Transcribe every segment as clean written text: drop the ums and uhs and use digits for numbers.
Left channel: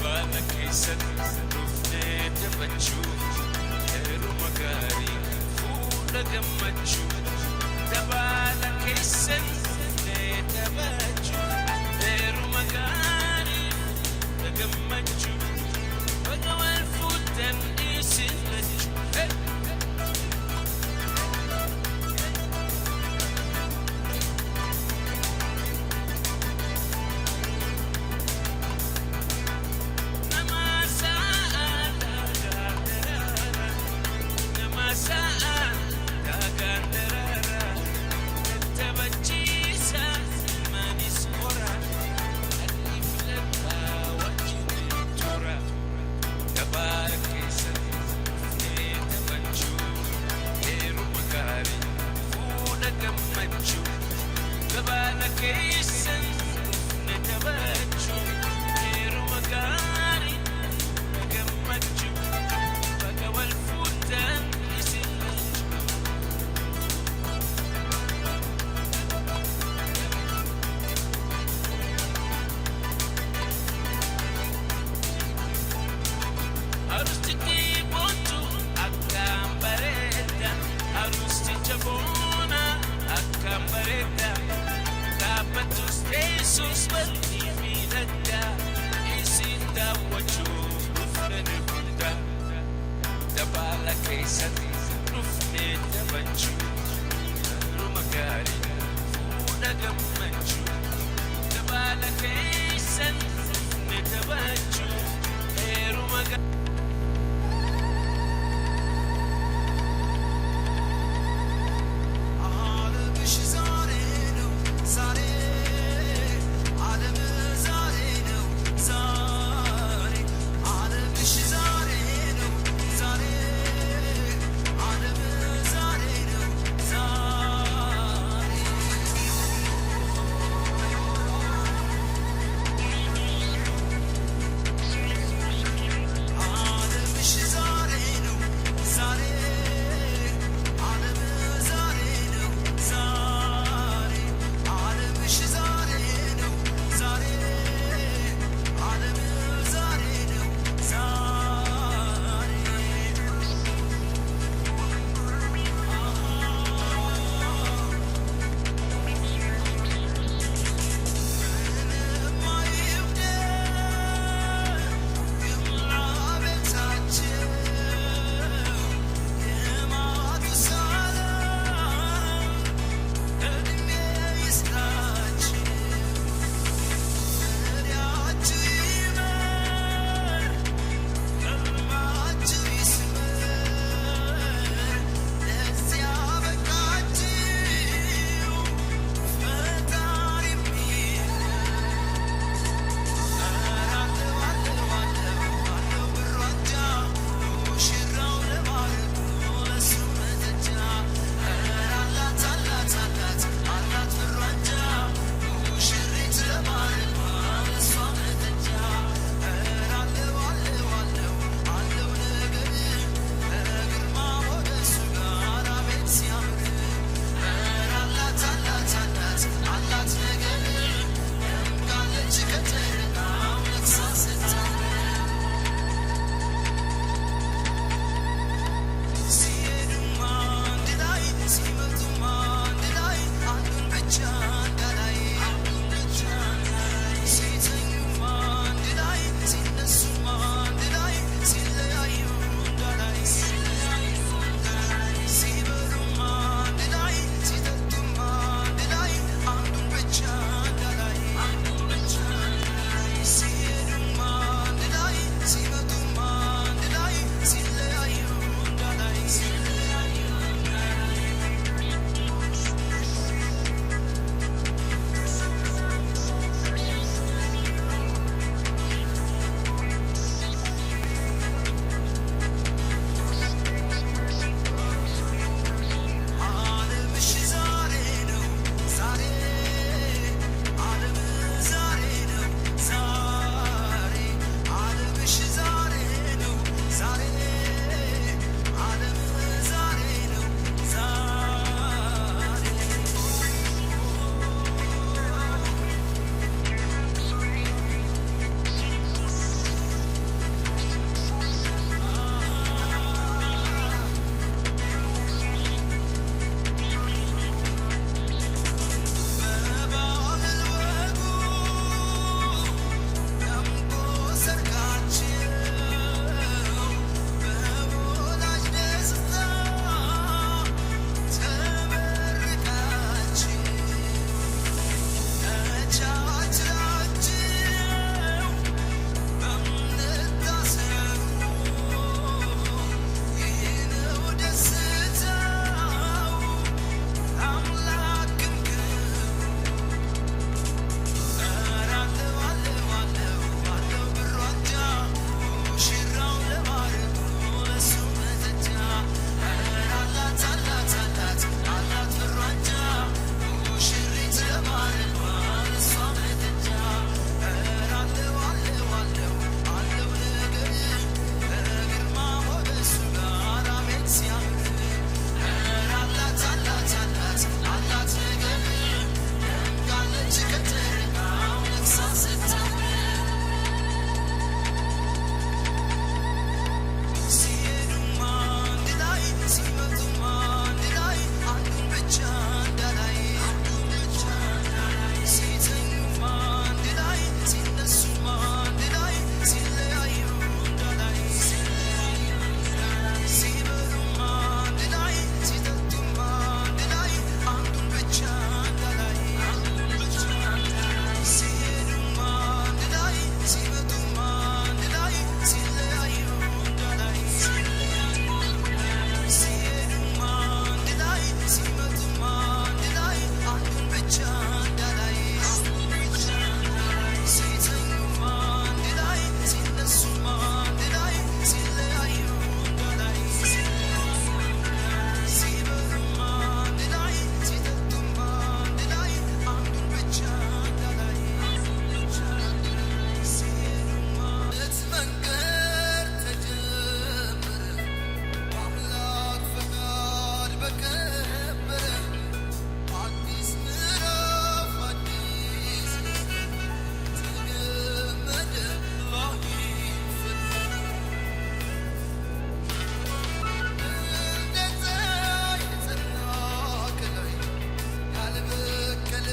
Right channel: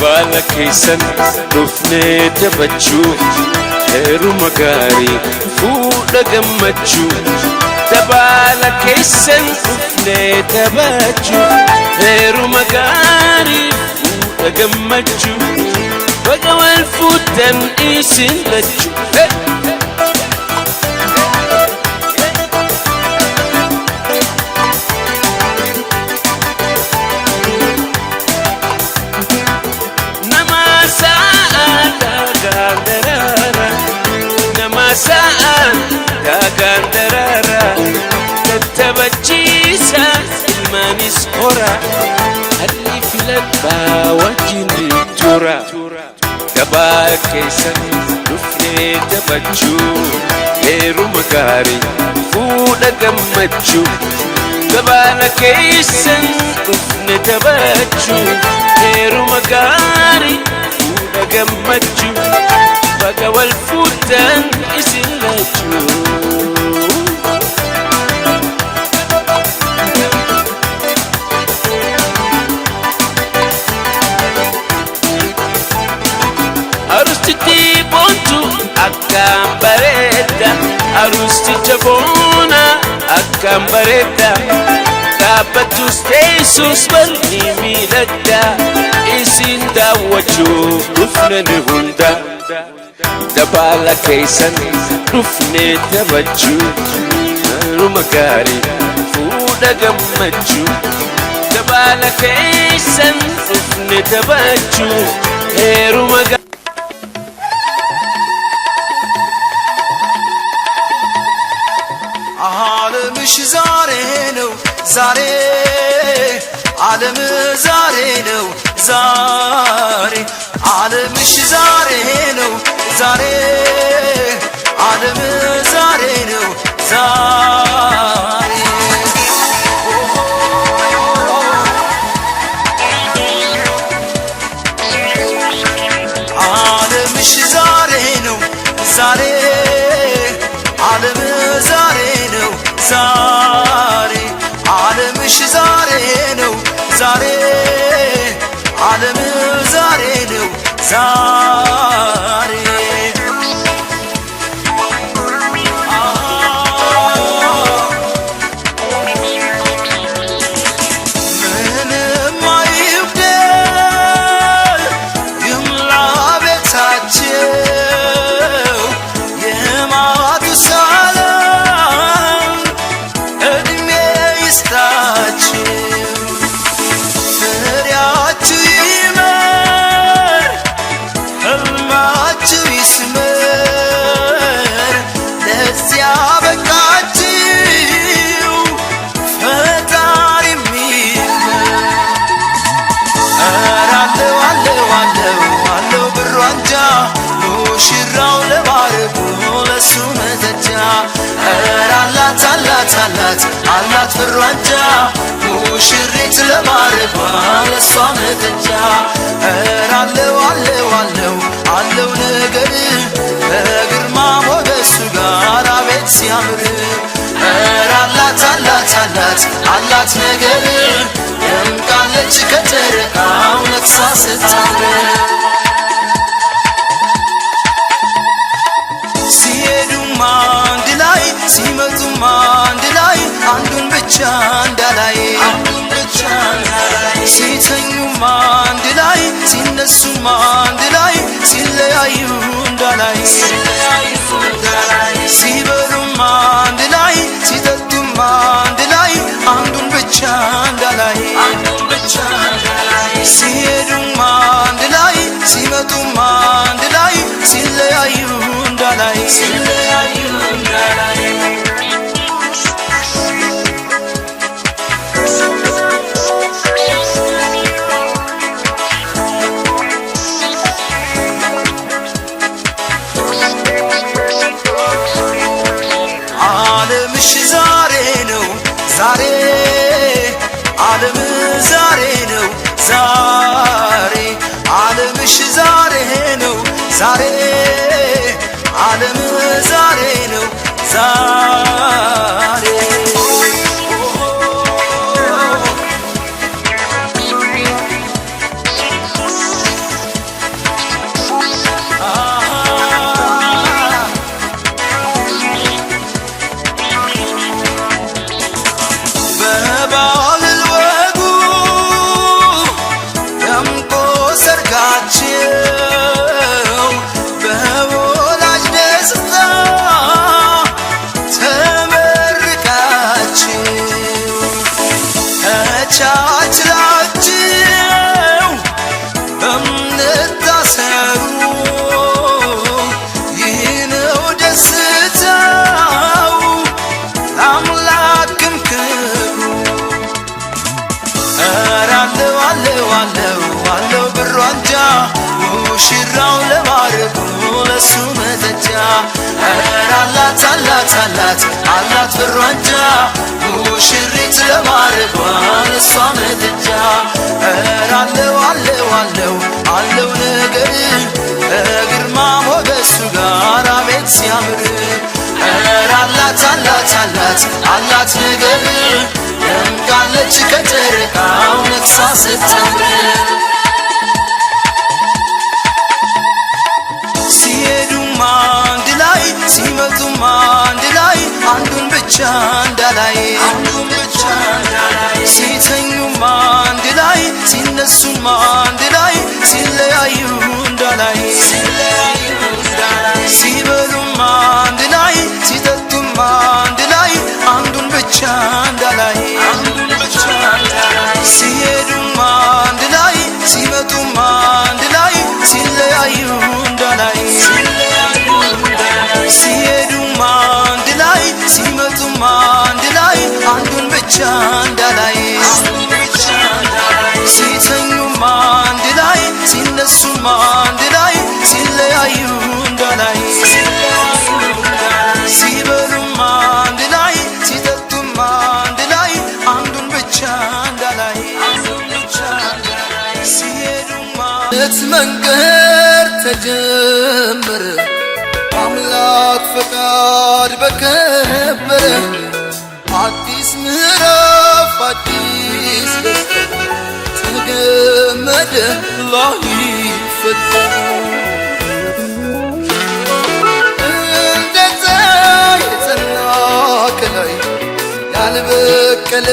dabala keessan dhufnee taphachuu heeruma gaarii fuudha gammachuu dabala keessan dhufnee taphachuu heeruma gaarii fuudha gammachuu baga wal fuudhan isin lachuu sa'an kagandarara tatabachisa ilmanis hora halli filadha wajjin tura gabaa keessan dhufnee taphachuu heeruma gaarii fuudha gammachuu gabaa keessan dhufnee taphachuu heeruma gaarii fuudha gammachuu baga wal fuudhan isin lachuu arustichi bontu akkam bareeda arusticha boona akkam bareeda kaabbatus teessus bal'ii miidhagda isin daawwachuuf dhufnani hunda dabala keessan dhufnee taphachuu heeruma gaarii fuudha gammachuu dabala keessan dhufnee taphachuu heeruma ዓለምሽ ዛሬ ነው ዛሬ ዓለም ዛሬ ነው ዛሬ ዓለምሽ ዛሬ ነው ዛሬ ዓለም ዛሬ ነው ዛሬ ዓለምሽ ዛሬ ነው ዛሬ ዓለም ዛሬ ነው ዛሬ ዓለምሽ ዛሬ ነው ዛሬ ዓለም ዛሬ ነው ዛሬ ምንም አይጉደል ይምላ ቤታቸው የማቱሳላም ዕድሜ ይስጣችሁ ፍሬያችሁ ይመር ሕልማችሁ ይስመር ለዚያ በቃችሁ ፈጣሪ ይመስገን ኧረ አለው አለው ብሩ አንጃ ሙሽራው ለማረጉ ለሱ መተጃ ኧረ አላት ብሩ አንጃ ሙሽሪት ለማረጓ ለሷ መተጃ ኧረ አለው ነገር በግርማ ሞገሱ ጋር አቤት ሲያምር ኧረ አላት ነገር ደምቃለች ከጨረቃው ነግሳ ስታምር ሲሄዱም አንድ ላይ ሲመጡም አንድ ላይ አንዱን ብቻ እንዳላይ ሲተኙም አንድ ላይ ሲነሱም አንድ ላይ ሲለያዩ እንዳላይ ሲበሉም አንድ ላይ ሲጠጡም አንድ ላይ አንዱን ብቻ እንዳላይ ሲሄዱም አንድ ላይ ሲመጡም አንድ ላይ ሲለያዩ እንዳላይ ዓለምሽ ዛሬ ነው ዛሬ ዓለም ዛሬ ነው ዛሬ ዓለምሽ ዛሬ ነው ዛሬ ዓለም ዛሬ ነው ዛሬ ብራንጃ ሙሽራው ለማረጉ ለሱ መጠጃ አላት አላት አላት አላት ብራንጃ ሙሽሪት ለማረጓ ለሷ መጠጃ አለው አለው አለው አለው ነገር ግርማ ሞገሱ ጋር አቤት ሲያምር አላት አላት አላት አላት ነገር ደምቃለች ከጨረቃው ነግሳ ስትምር ሲሄዱም አንድ ላይ ሲመጡም አንድ ላይ አንዱን ብቻ እንዳላይ ሲተኙም አንድ ላይ ሲነሱም አንድ ላይ ሲለያዩ እንዳላይ ሲበሉም አንድ ላይ ሲጠጡም አንድ ላይ አንዱን ብቻ እንዳላይ ሲሄዱም አንድ ላይ ሲመጡም አንድ ላይ ሲለያዩ እንዳላይ ሲሄዱም አንድ ላይ ሲመጡም አንድ ላይ አንዱን ብቻ እንዳላይ ሲተኙም አንድ ላይ ሲነሱም አንድ ላይ ሲለያዩ እንዳላይ ሲበሉም አንድ ላይ ሲጠጡም አንድ ላይ አንዱን ብቻ እንዳላይ ሲሄዱም መንገድ ተጀመረ አምላክ ፈቃድ በከበረ አዲስ ምዕራፍ አዲስ ደስታ ተገመደ ላይ ፈታ እንደዛ የጸና ከላይ ያልበቀለ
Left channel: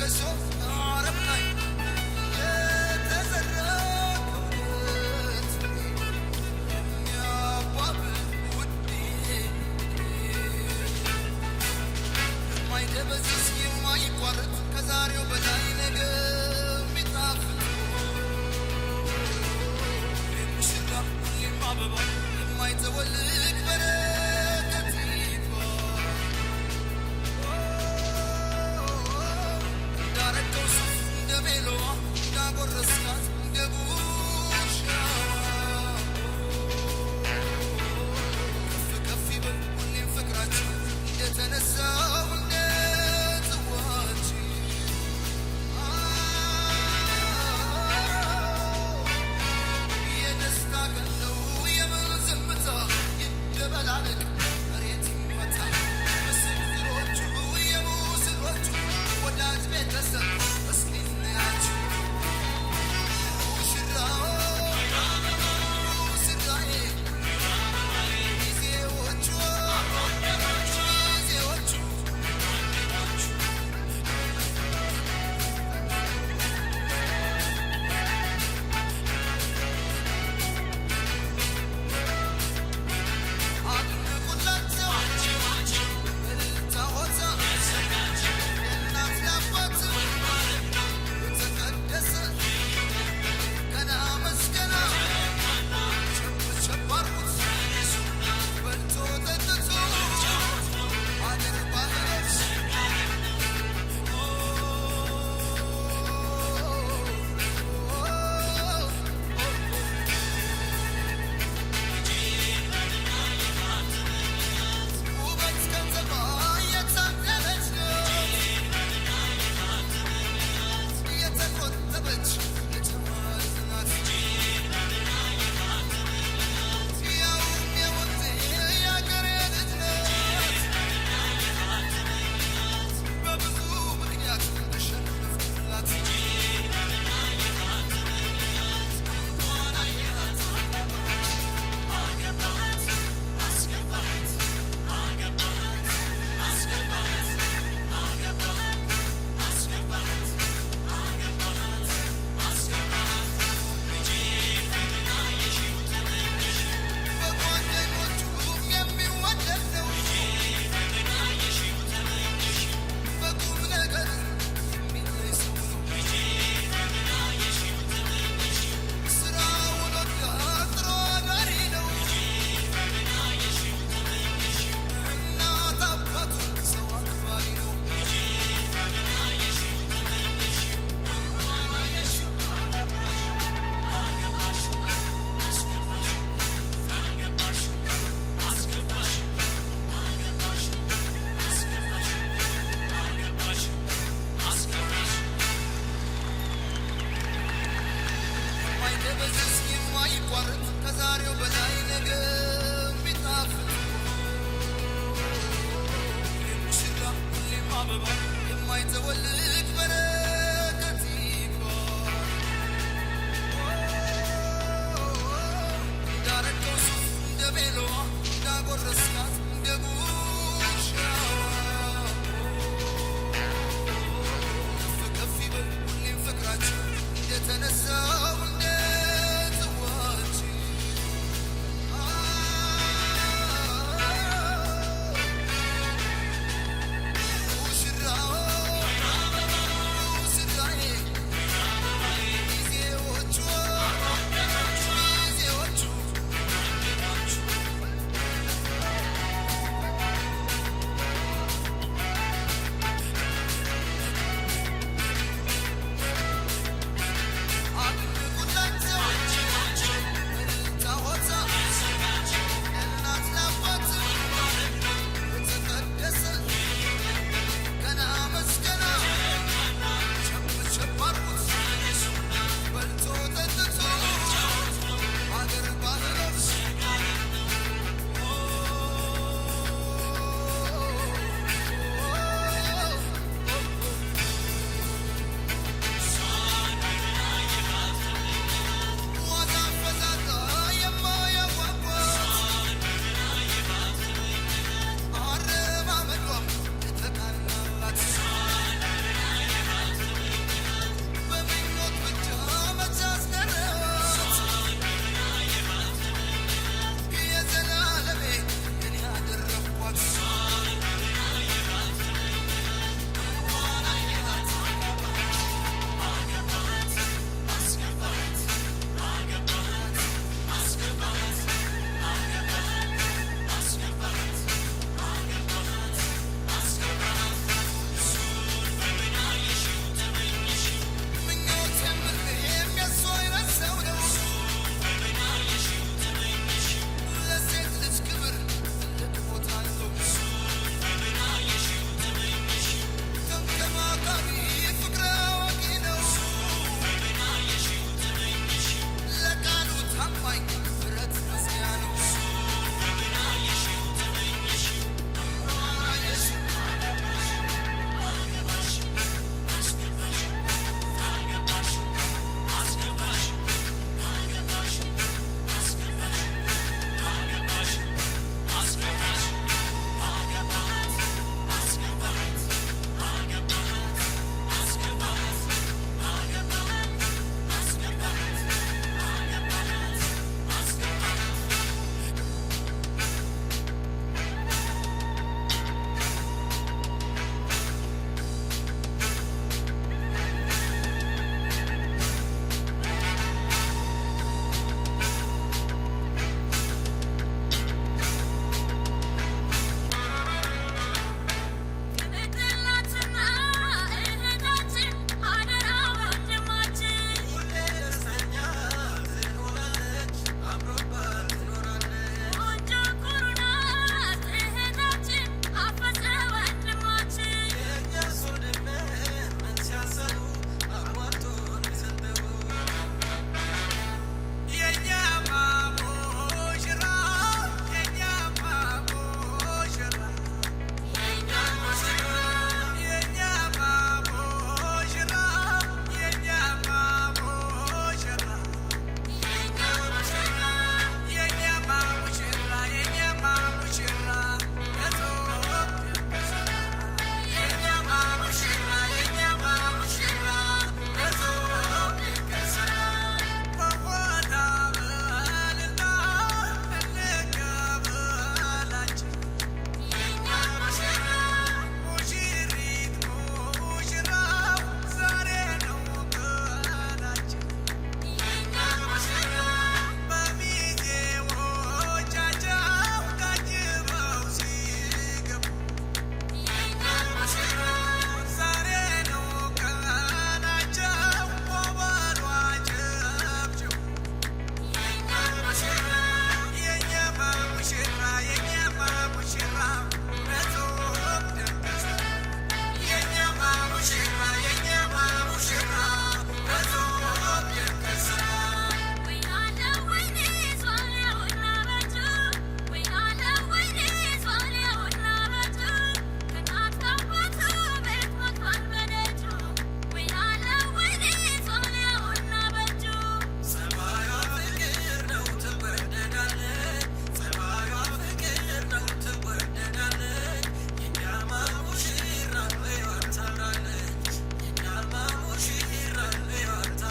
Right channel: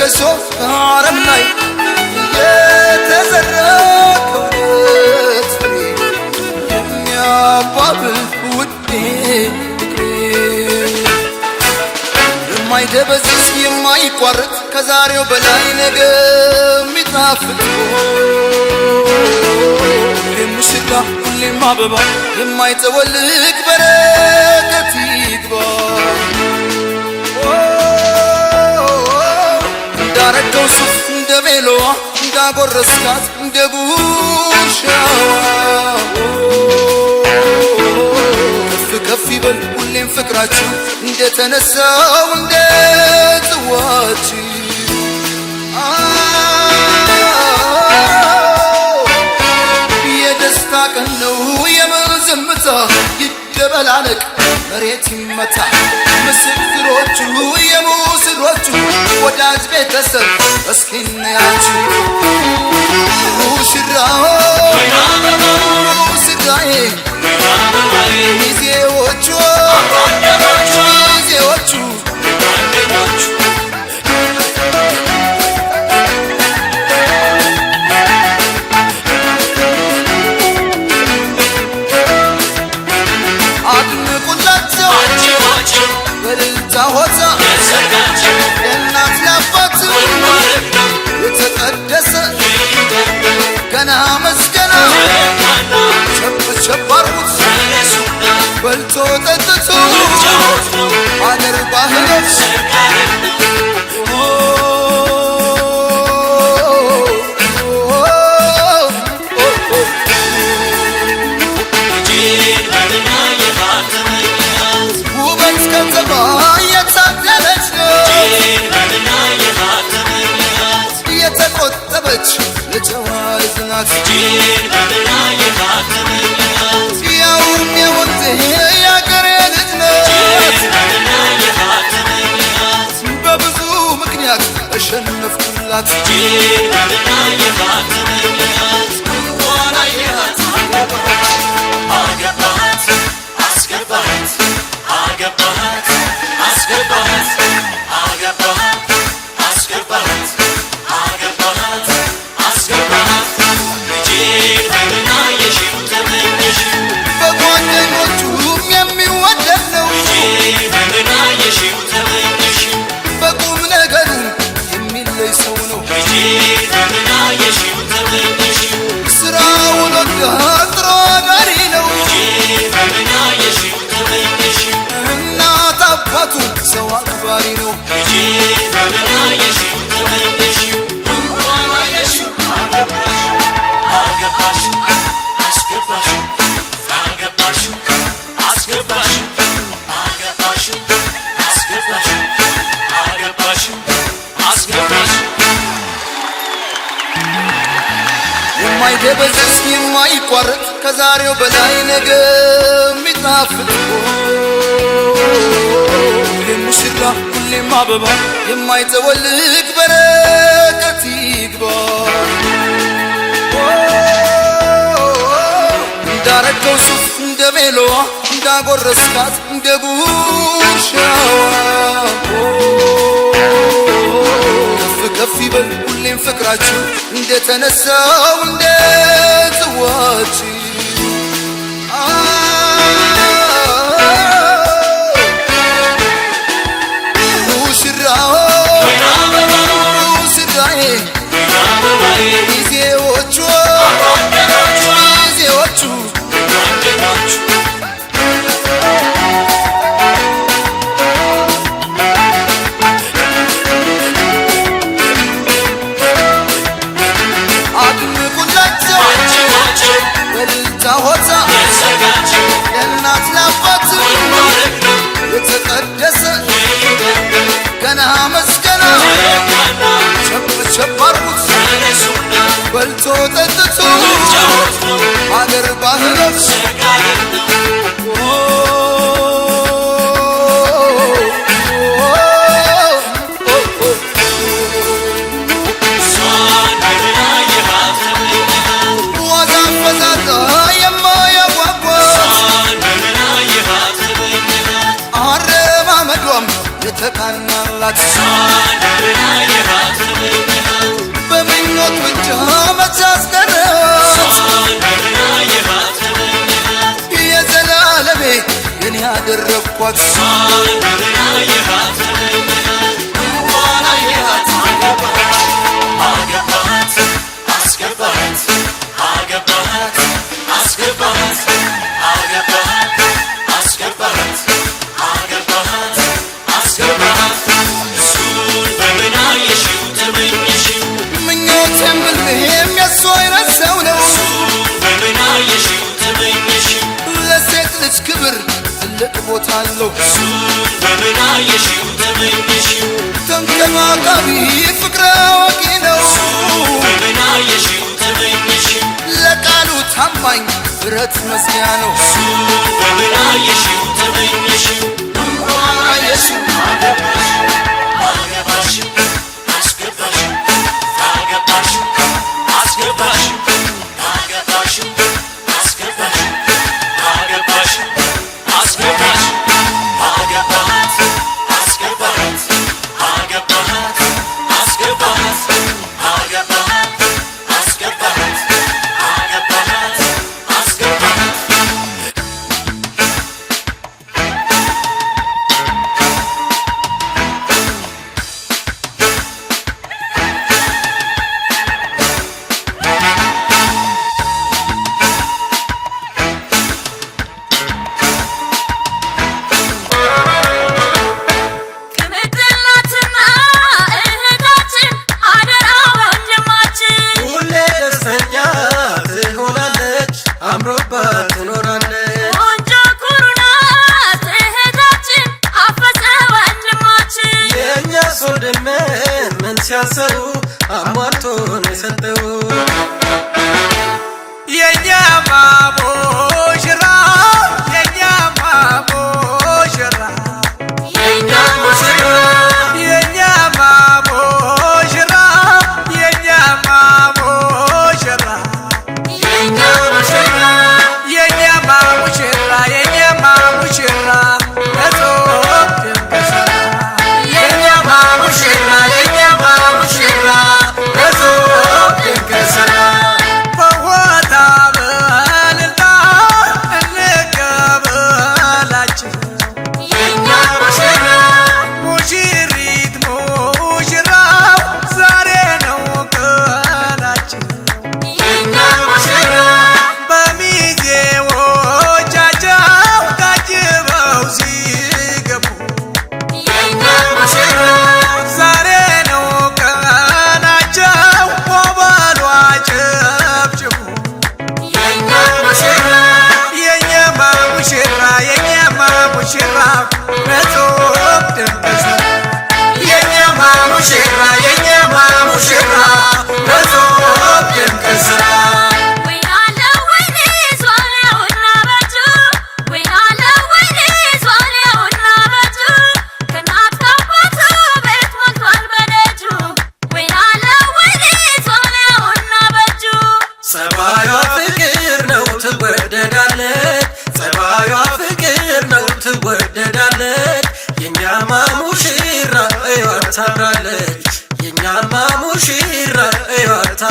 ከሶፍ አረም ላይ የተዘራ ከእውነት ፍሬ የሚያባብል ውዴ የማይደበዝዝ የማይቋረጥ ከዛሬው በላይ ነገ የሚጣፍጥ ሙሽራ ሁሌም አበባ የማይጠወልቅ በረከት ይግባ እንዳረገው ሱፍ እንደ ቤሎዋ እንዳጎረስካት እንደ ጉርሻዋ ከፍ ይበል ሁሌም ፍቅራችሁ እንደተነሳው እንደ ጽዋችሁ የደስታ ቀን ነው የመዘምታ ይደበላለቅ መሬት ይመታ ምስክሮቹ የሙስሮቹ ወዳጅ ቤተሰብ እስኪናያችሁ ሙሽራው ሙሽራዬ ሚዜዎቹ ሚዜዎቹ አድንቁላቸው በእልልታ ሆታ የእናት ለአባት የተቀደሰ ገና መስገና ቸብ አርጉት በልቶ ጠጥቶ አገር ባህሎች ውበት ከተማ የታደለች የተቆጠበች የጨዋይት ናት ያውም የወንዜ ያገሬ ልጅ ናት በብዙ ምክንያት እሸነፍኩላት በጓደኞቹም የሚወደድ ነው በቁም ነገሩም የሚለይ ሰው ነው ስራውን ወዳ ጥሮ ጋሪ ነው እናት አባቱን ሰው አክባሪ ነው የማይደበዝዝ የማይቋረጥ ከዛሬው በላይ ነገ የሚጣፍጥ ሙሽራ ሁሌም አበባ የማይጠወልግ በረከት ይግባ እንዳረገው ሱፍ እንደ ቤሎዋ እንዳጎረስካት እንደ ጉርሻዋ ከፍ ይበል ሁሌም ፍቅራችሁ እንደተነሳው እንደ ጽዋችሁ በልቶ ጠጥቶ አገር ባህሎች ዋዛ ፈዛዛ የማያጓጓ አረማመዷም የተቃናላት በምኞት ብቻ መቻስቀረት የዘላለሜ የኔ ያደረግኳት ክብር ትልቅ ቦታ አለው ተንከባካቢ ፍቅረ አዋቂ ነው ለቃሉ ታማኝ ብረት መዝጊያ ነው ሲያሰሩ አሟልቶን የሰጠው የኛ ማሙሽራ የኛ ማሙሽራ የኛ ሙሽራ የኛ ማሙሽራ የኛ ማሙሽራ የኛ ሙሽራ የኛ ማሙሽራ የኛ ማሙሽራ የኛ ማሙሽራ የኛ ማሙሽራ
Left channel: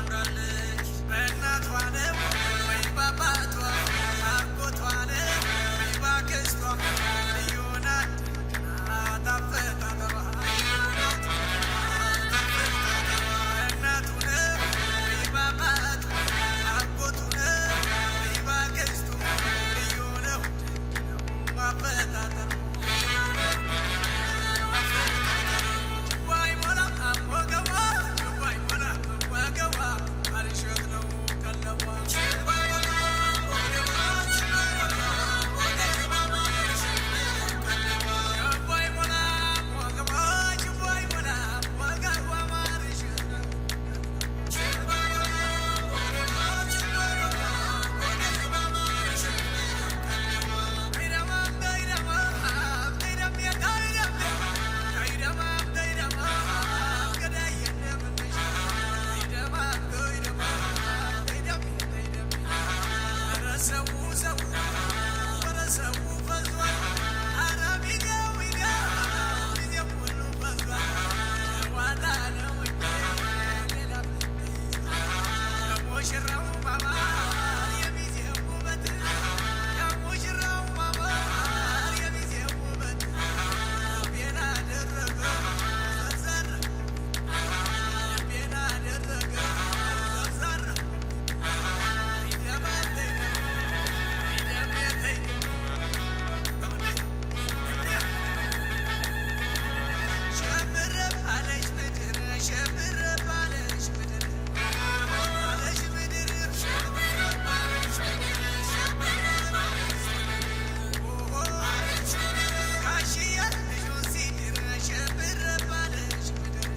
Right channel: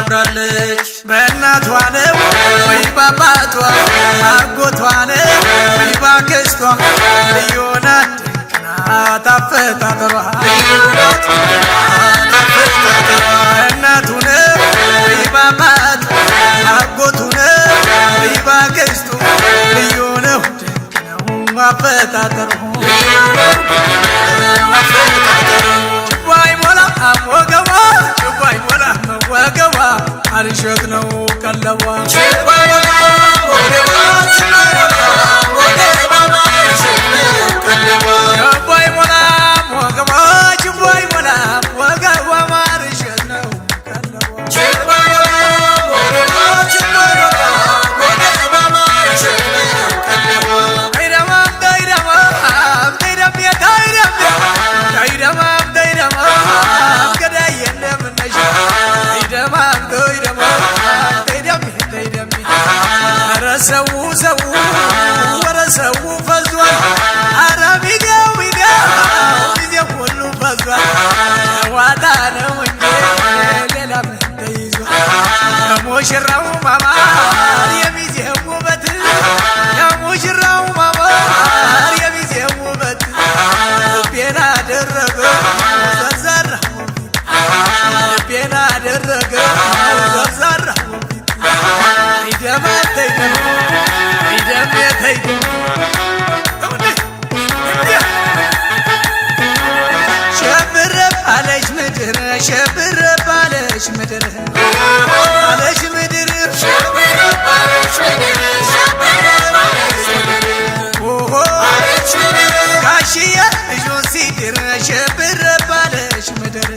ታምራለች በእናቷ ነው ወይ ባባቷ አጎቷ ነው ወይ ባክስቷ ልዩ ናት ታፈጣጠሯ እናቱ ነው ወይ ባባቷ አጎቱ ነው ወይ ባክስቱ ልዩ ነው አፈጣጠሯ ጭባይ ሞላ ወገቧ ጭባይ ሞላ ወገቧ አልሸት ነው ቀለቧ ጭባይ ሞላ ወገቧ ጭባይ ሞላ ወገቧ አልሸት ነው ቀለቧ ጭባይ ሞላ ወገቧ ጭባይ ሞላ ወገቧ አልሸት ነው ቀለቧ ጭባይ ሞላ ወገቧ ጭባይ ሞላ ወገቧ አልሸት ነው ቀለቧ ሰው ሰው ወረ ሰው ፈዟል አረ ቢገው ጊዜ ሁሉ ፈዟል ዋዳ ነው እንጂ ሌላ ምን ተይዟል ሙሽራው ማማር የሚዜው ውበት ሙሽራው ማማር የሚዜው ውበት ልቤን አደረገ ዘርዘራ ልቤን አደረገ ዘርዘራ ሸብር ባለሽ ምድር ባለሽ ምድር ሸብር ባለሽ ምድር ሸብር ባለሽ ምድር ኦሆ ባለሽ ምድር ጋሽዬ ልጁን ሲድር ሸብር ባለሽ ምድር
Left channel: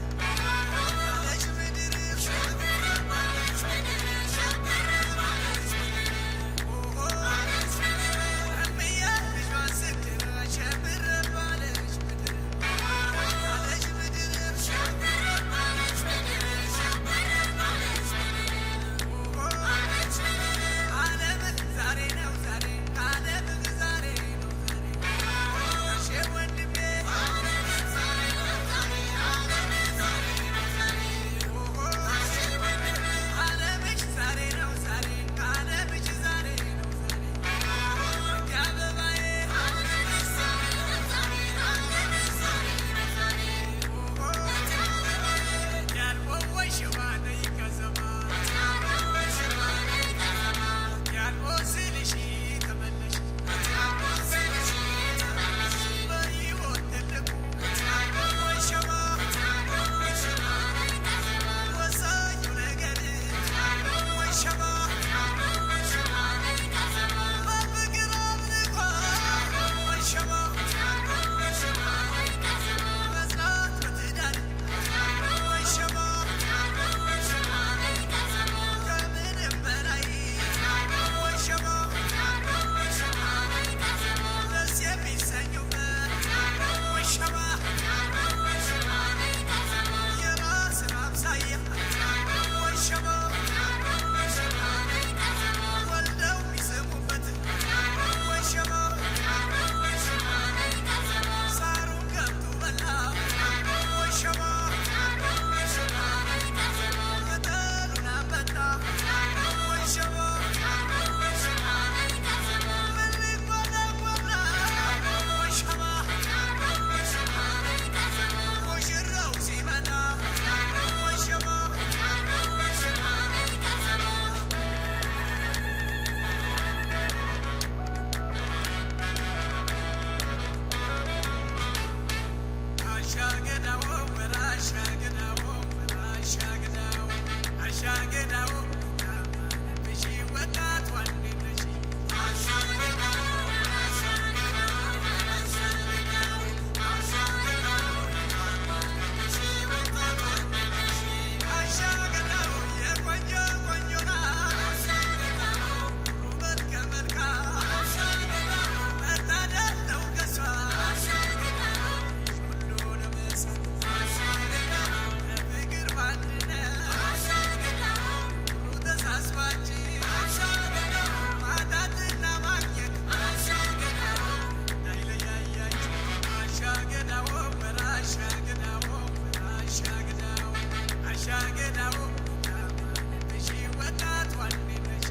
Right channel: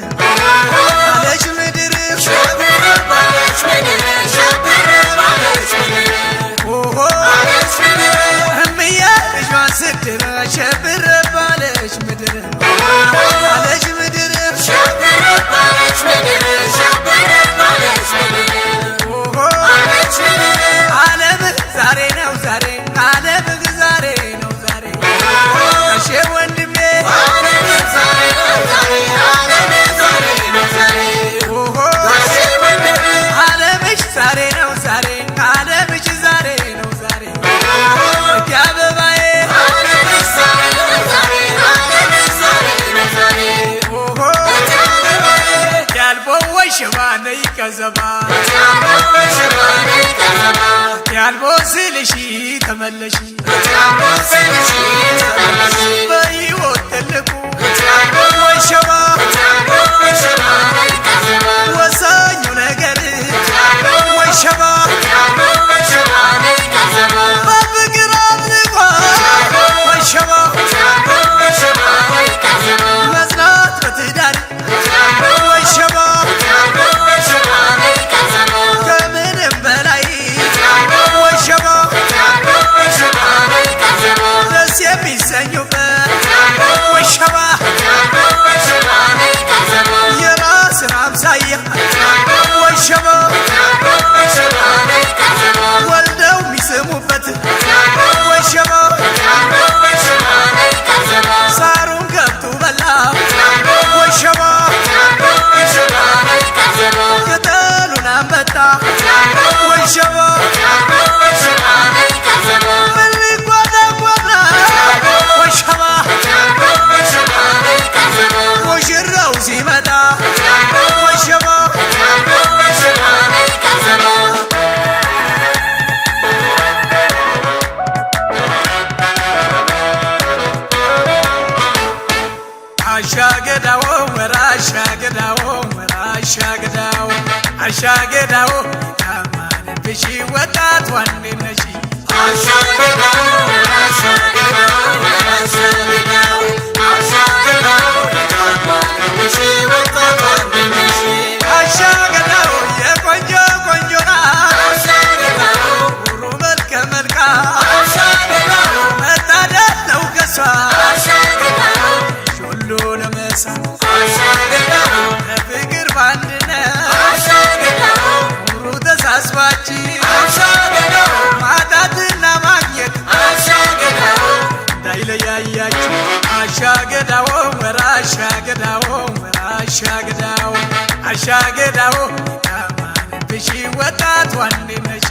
ባለሽ ምድር ሸብር ባለሽ ምድር ሸብር ባለሽ ምድር ኦሆ ባለሽ ምድር እምዬ ልጇን ስትድር ሸብር ባለሽ ምድር ባለሽ ምድር ሸብር ባለሽ ምድር ሸብር ባለሽ ምድር ኦሆ ባለሽ ምድር ዓለም ዛሬ ነው ዛሬ ዓለም ዛሬ ነው ዛሬ እሺ ወንድሜ ዓለም ዛሬ ነው ዛሬ ዓለም ዛሬ ነው ዛሬ ኦሆ እሺ ወንድሜ ዓለምሽ ዛሬ ነው ዛሬ ዓለምሽ ዛሬ ነው ዛሬ አበባዬ ዓለምሽ ዛሬ ነው ዛሬ ዓለምሽ ዛሬ ነው ዛሬ ኦሆ ያልቦ ወሸባ ነይ ከዘባ ያልቦ ስልሽ ተመለሽ በሕይወት ትልቁ ወሸባ ወሳኙ ነገር ወሸባ በፍቅር አብልቋ ወሸባ መጽናት በትዳር ወሸባ ከምንም በላይ ወሸባ ደስ የሚሰኙበት ወሸባ የራስን አምሳያ ወሸባ ወልደው የሚስሙበት ወሸባ ሳሩን ገብቱ በላ ወሸባ ቅጠሉን አንበጣ ወሸባ ምን ሊጓዳጓዳ ወሸባ ሙሽራው ሲመጣ ወሸባ አሻገዳው ወራሻገዳው ወራሻገዳው አሻገዳው ታማንብሽ ወጣት ዋንነሽ አሻገዳው ወራሻገዳው ወራሻገዳው አሻገዳው ታማንብሽ ወጣት ዋንነሽ አሻገዳው የቆንጆ ቆንጆና አሻገዳው ሁሉ መልከ መልካም አሻገዳው መታደል ነው ከሷ አሻገዳው ሁሉንም ሰው አሻገዳው ለፍቅር ባንድነት አሻገዳው ሁሉ ተሳስባች አሻገዳው ማጣትና ማግኘት አሻገዳው እንዳይለያያችሁ አሻገዳው ወራሻገዳው ወራሻገዳው አሻገዳው እናት ዋንዴ ነሽ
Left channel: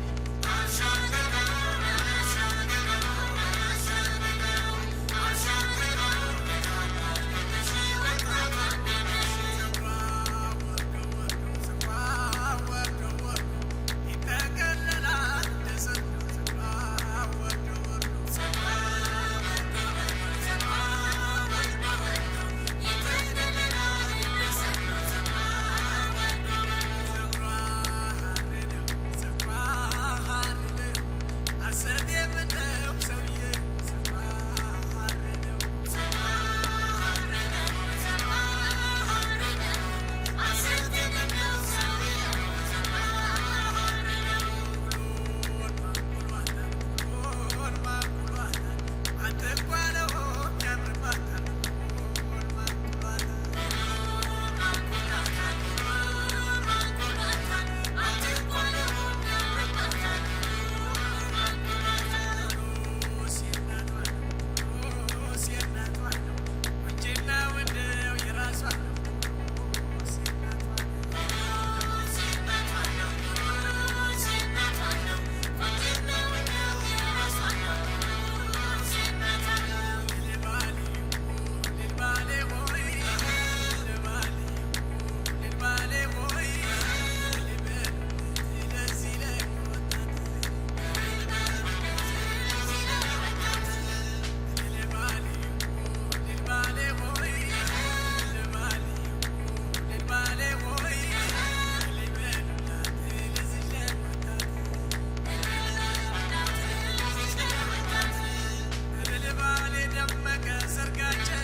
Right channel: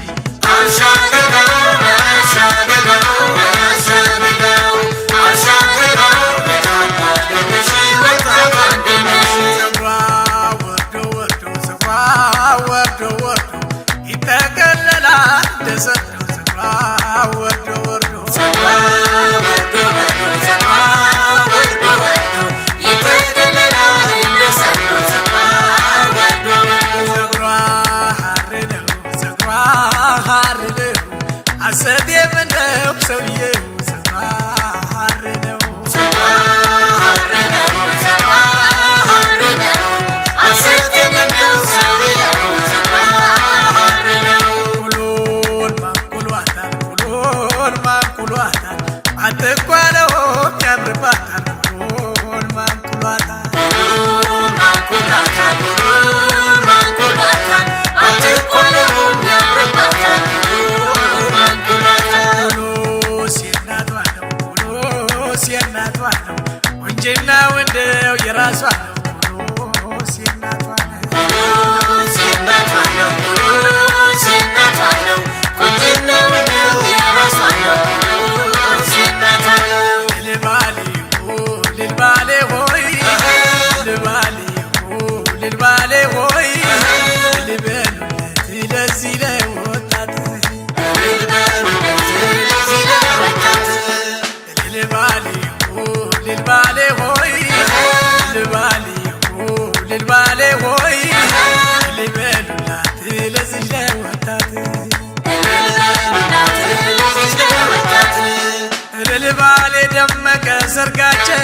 ሰርጋቸው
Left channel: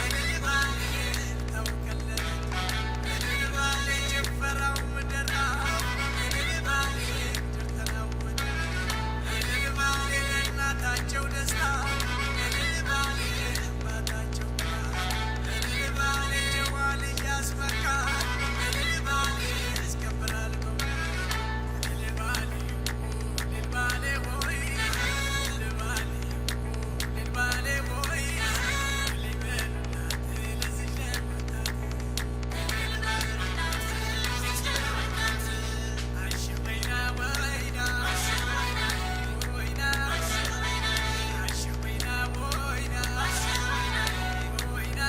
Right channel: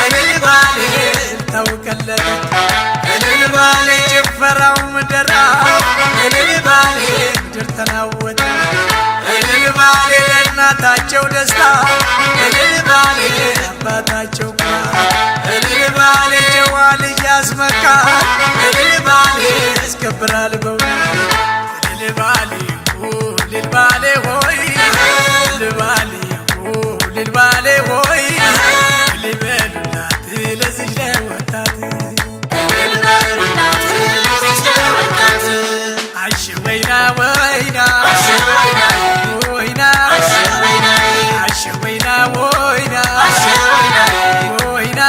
ለልባሌ ተውከለለ ለልባሌ ጭፈራው ምደራ ለልባሌ ምድር ተናወጠ ለልባሌ ለእናታቸው ደስታ ለልባሌ አባታቸው ለልባሌ ጨዋ ልጅ ያስመካ ለልባሌ ያስከብራል በእውነት ለልባሌ ልባሌ ሆይ ልባሌ ልባሌ ሆይ ልበሉላት ለዚህ ለወጣት አሽ ወይና ወይና ወይና አሽ ወይና ወይና ወይና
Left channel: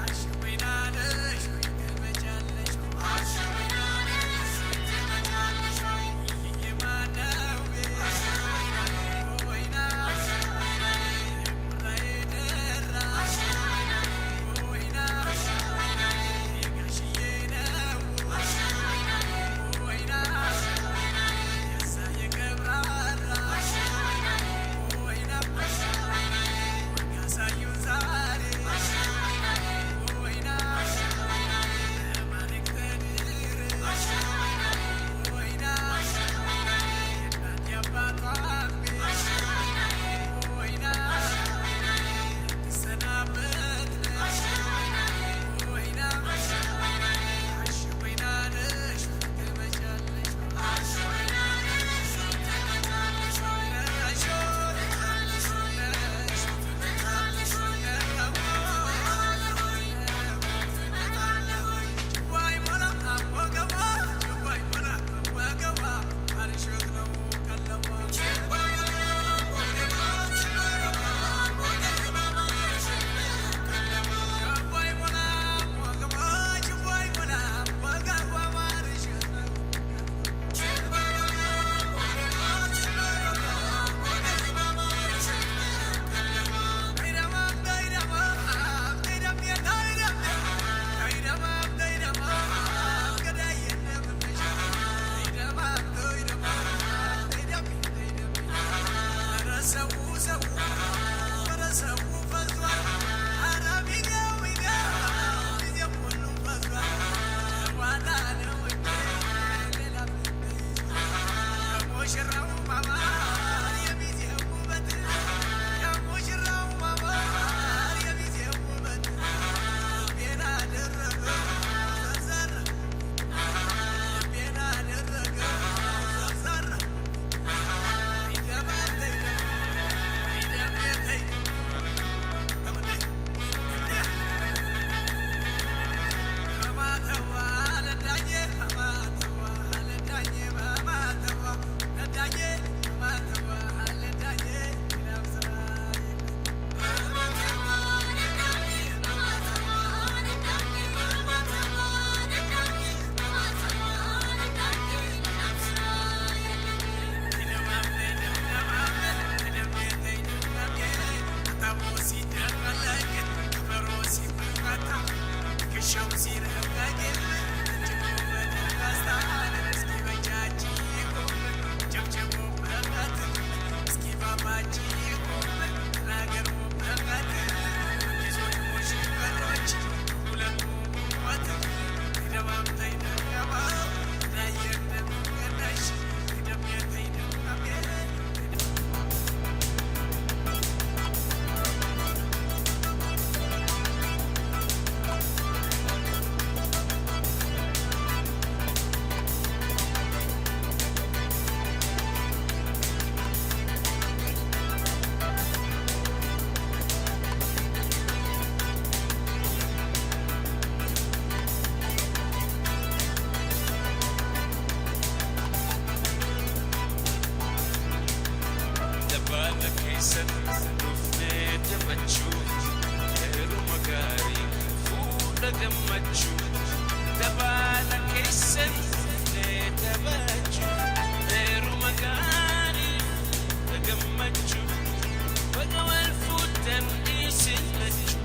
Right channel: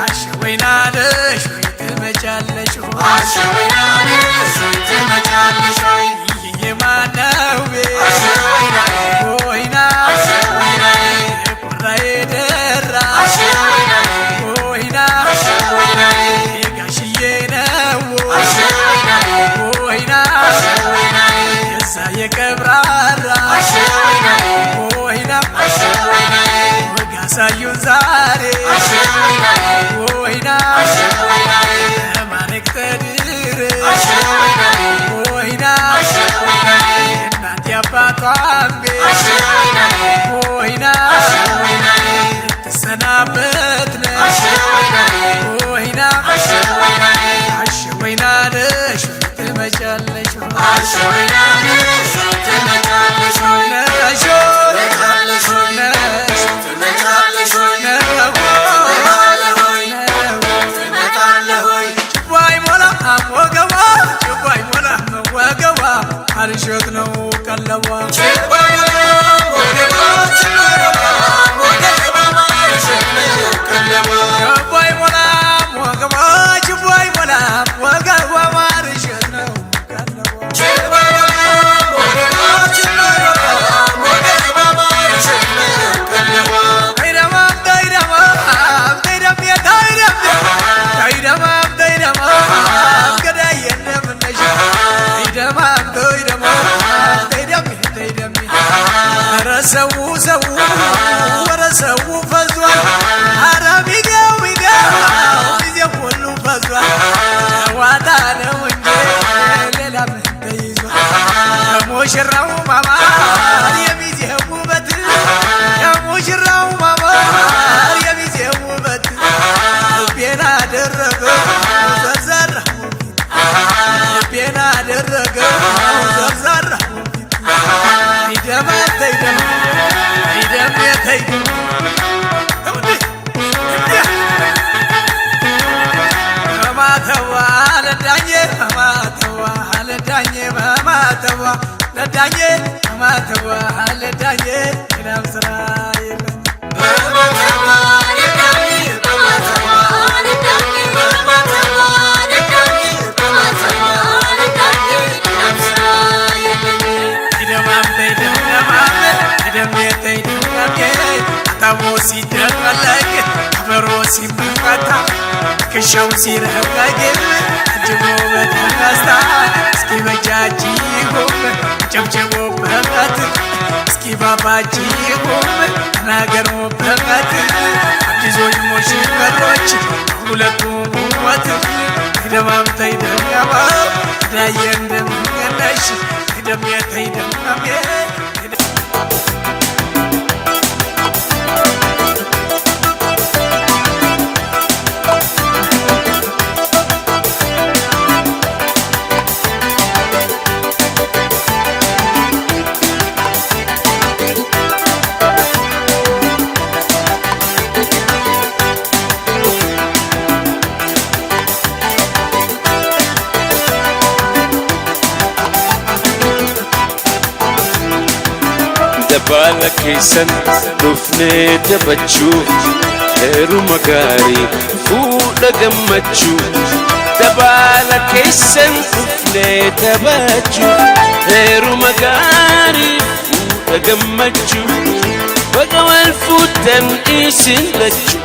አሽ ወይና ነሽ ትመጫለሽ አሽ ወይና ነሽ ትመጫለሽ የማነው ወይና የቀብራራ ወይና ወጋሳዩን ዛሬ ወይና ማነክተድር ወይና እናት ያባቷን ቤት ወይና ትሰናበት ነሽ ወይና አሽ ወይና ነሽ ትመጫለሽ አሽ ወይና ነሽ ትመጫለሽ ነሽ ነሽ ትመጫለሽ አርሾት ነው ቀለቧ ሰው ሰው ወረ ሰው ፈዟል አረቢጋው ቢጋው ጊዜ ሁሉ ፈዟል ዋዳ ነው እንጂ ሌላ ምን ተይዟል ሙሽራው ማማር የሚዜው ውበት ሙሽራው ማማር የሚዜው ውበት ቤና ደረገ ዘርዘር ቤና ደረገ ዘርዘር ማተዋ ለዳኘ ዳኜ አማተባ አለ ዳኜ እናም ስራ የለም Tamosi dalak karosi makata kshausi rahage jabo badasta ski bajaji ho jabjabo bhagat ski babaji ho nagaro bhagat abizoi moshi karoch ulatu wat idamam taidam yaba dayendam kanash idam yataidam ame Dabala keessan dhufnee taphachuu heeruma gaarii fuudha gammachuu Dabala keessan dhufnee taphachuu heeruma gaarii fuudha gammachuu Baga wal fuudhan isin lachuu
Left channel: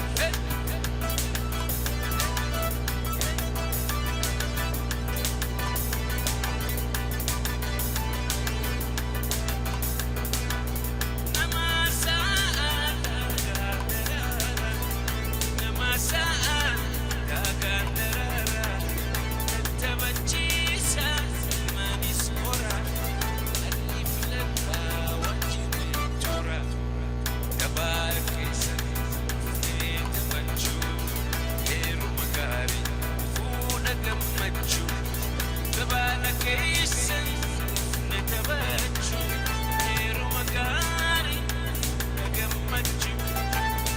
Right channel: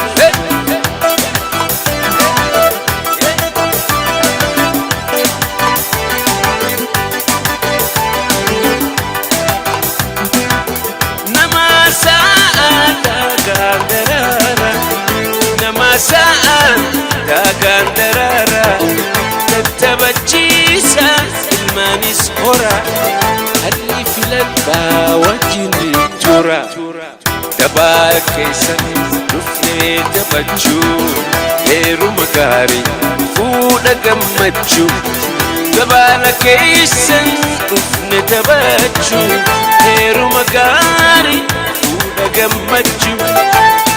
Saan dagandarara tatabachisa ilmanis hora alli filadba wajini tura Dabala keessan dhufnee taphachuu heeruma gaarii fuudha gammachuu Dabala keessan dhufnee taphachuu heeruma gaarii fuudha gammachuu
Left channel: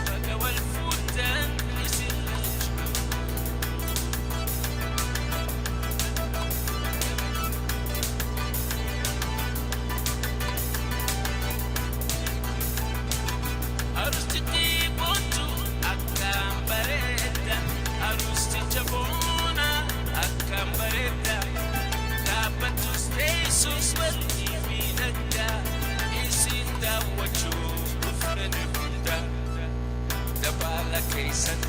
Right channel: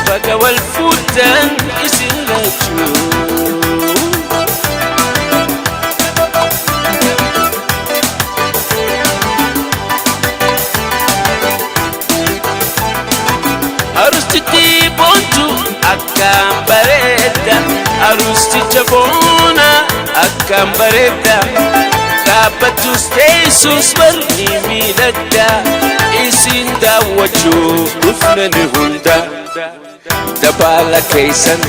Baga wal fuudhan isin lachuu Arustichi boontu akkam bareeda Arusticha boona akkam bareeda Dhaabbatus teessus barni miidhagda Isin daawwachuuf dhufnani hunda Dabala keessan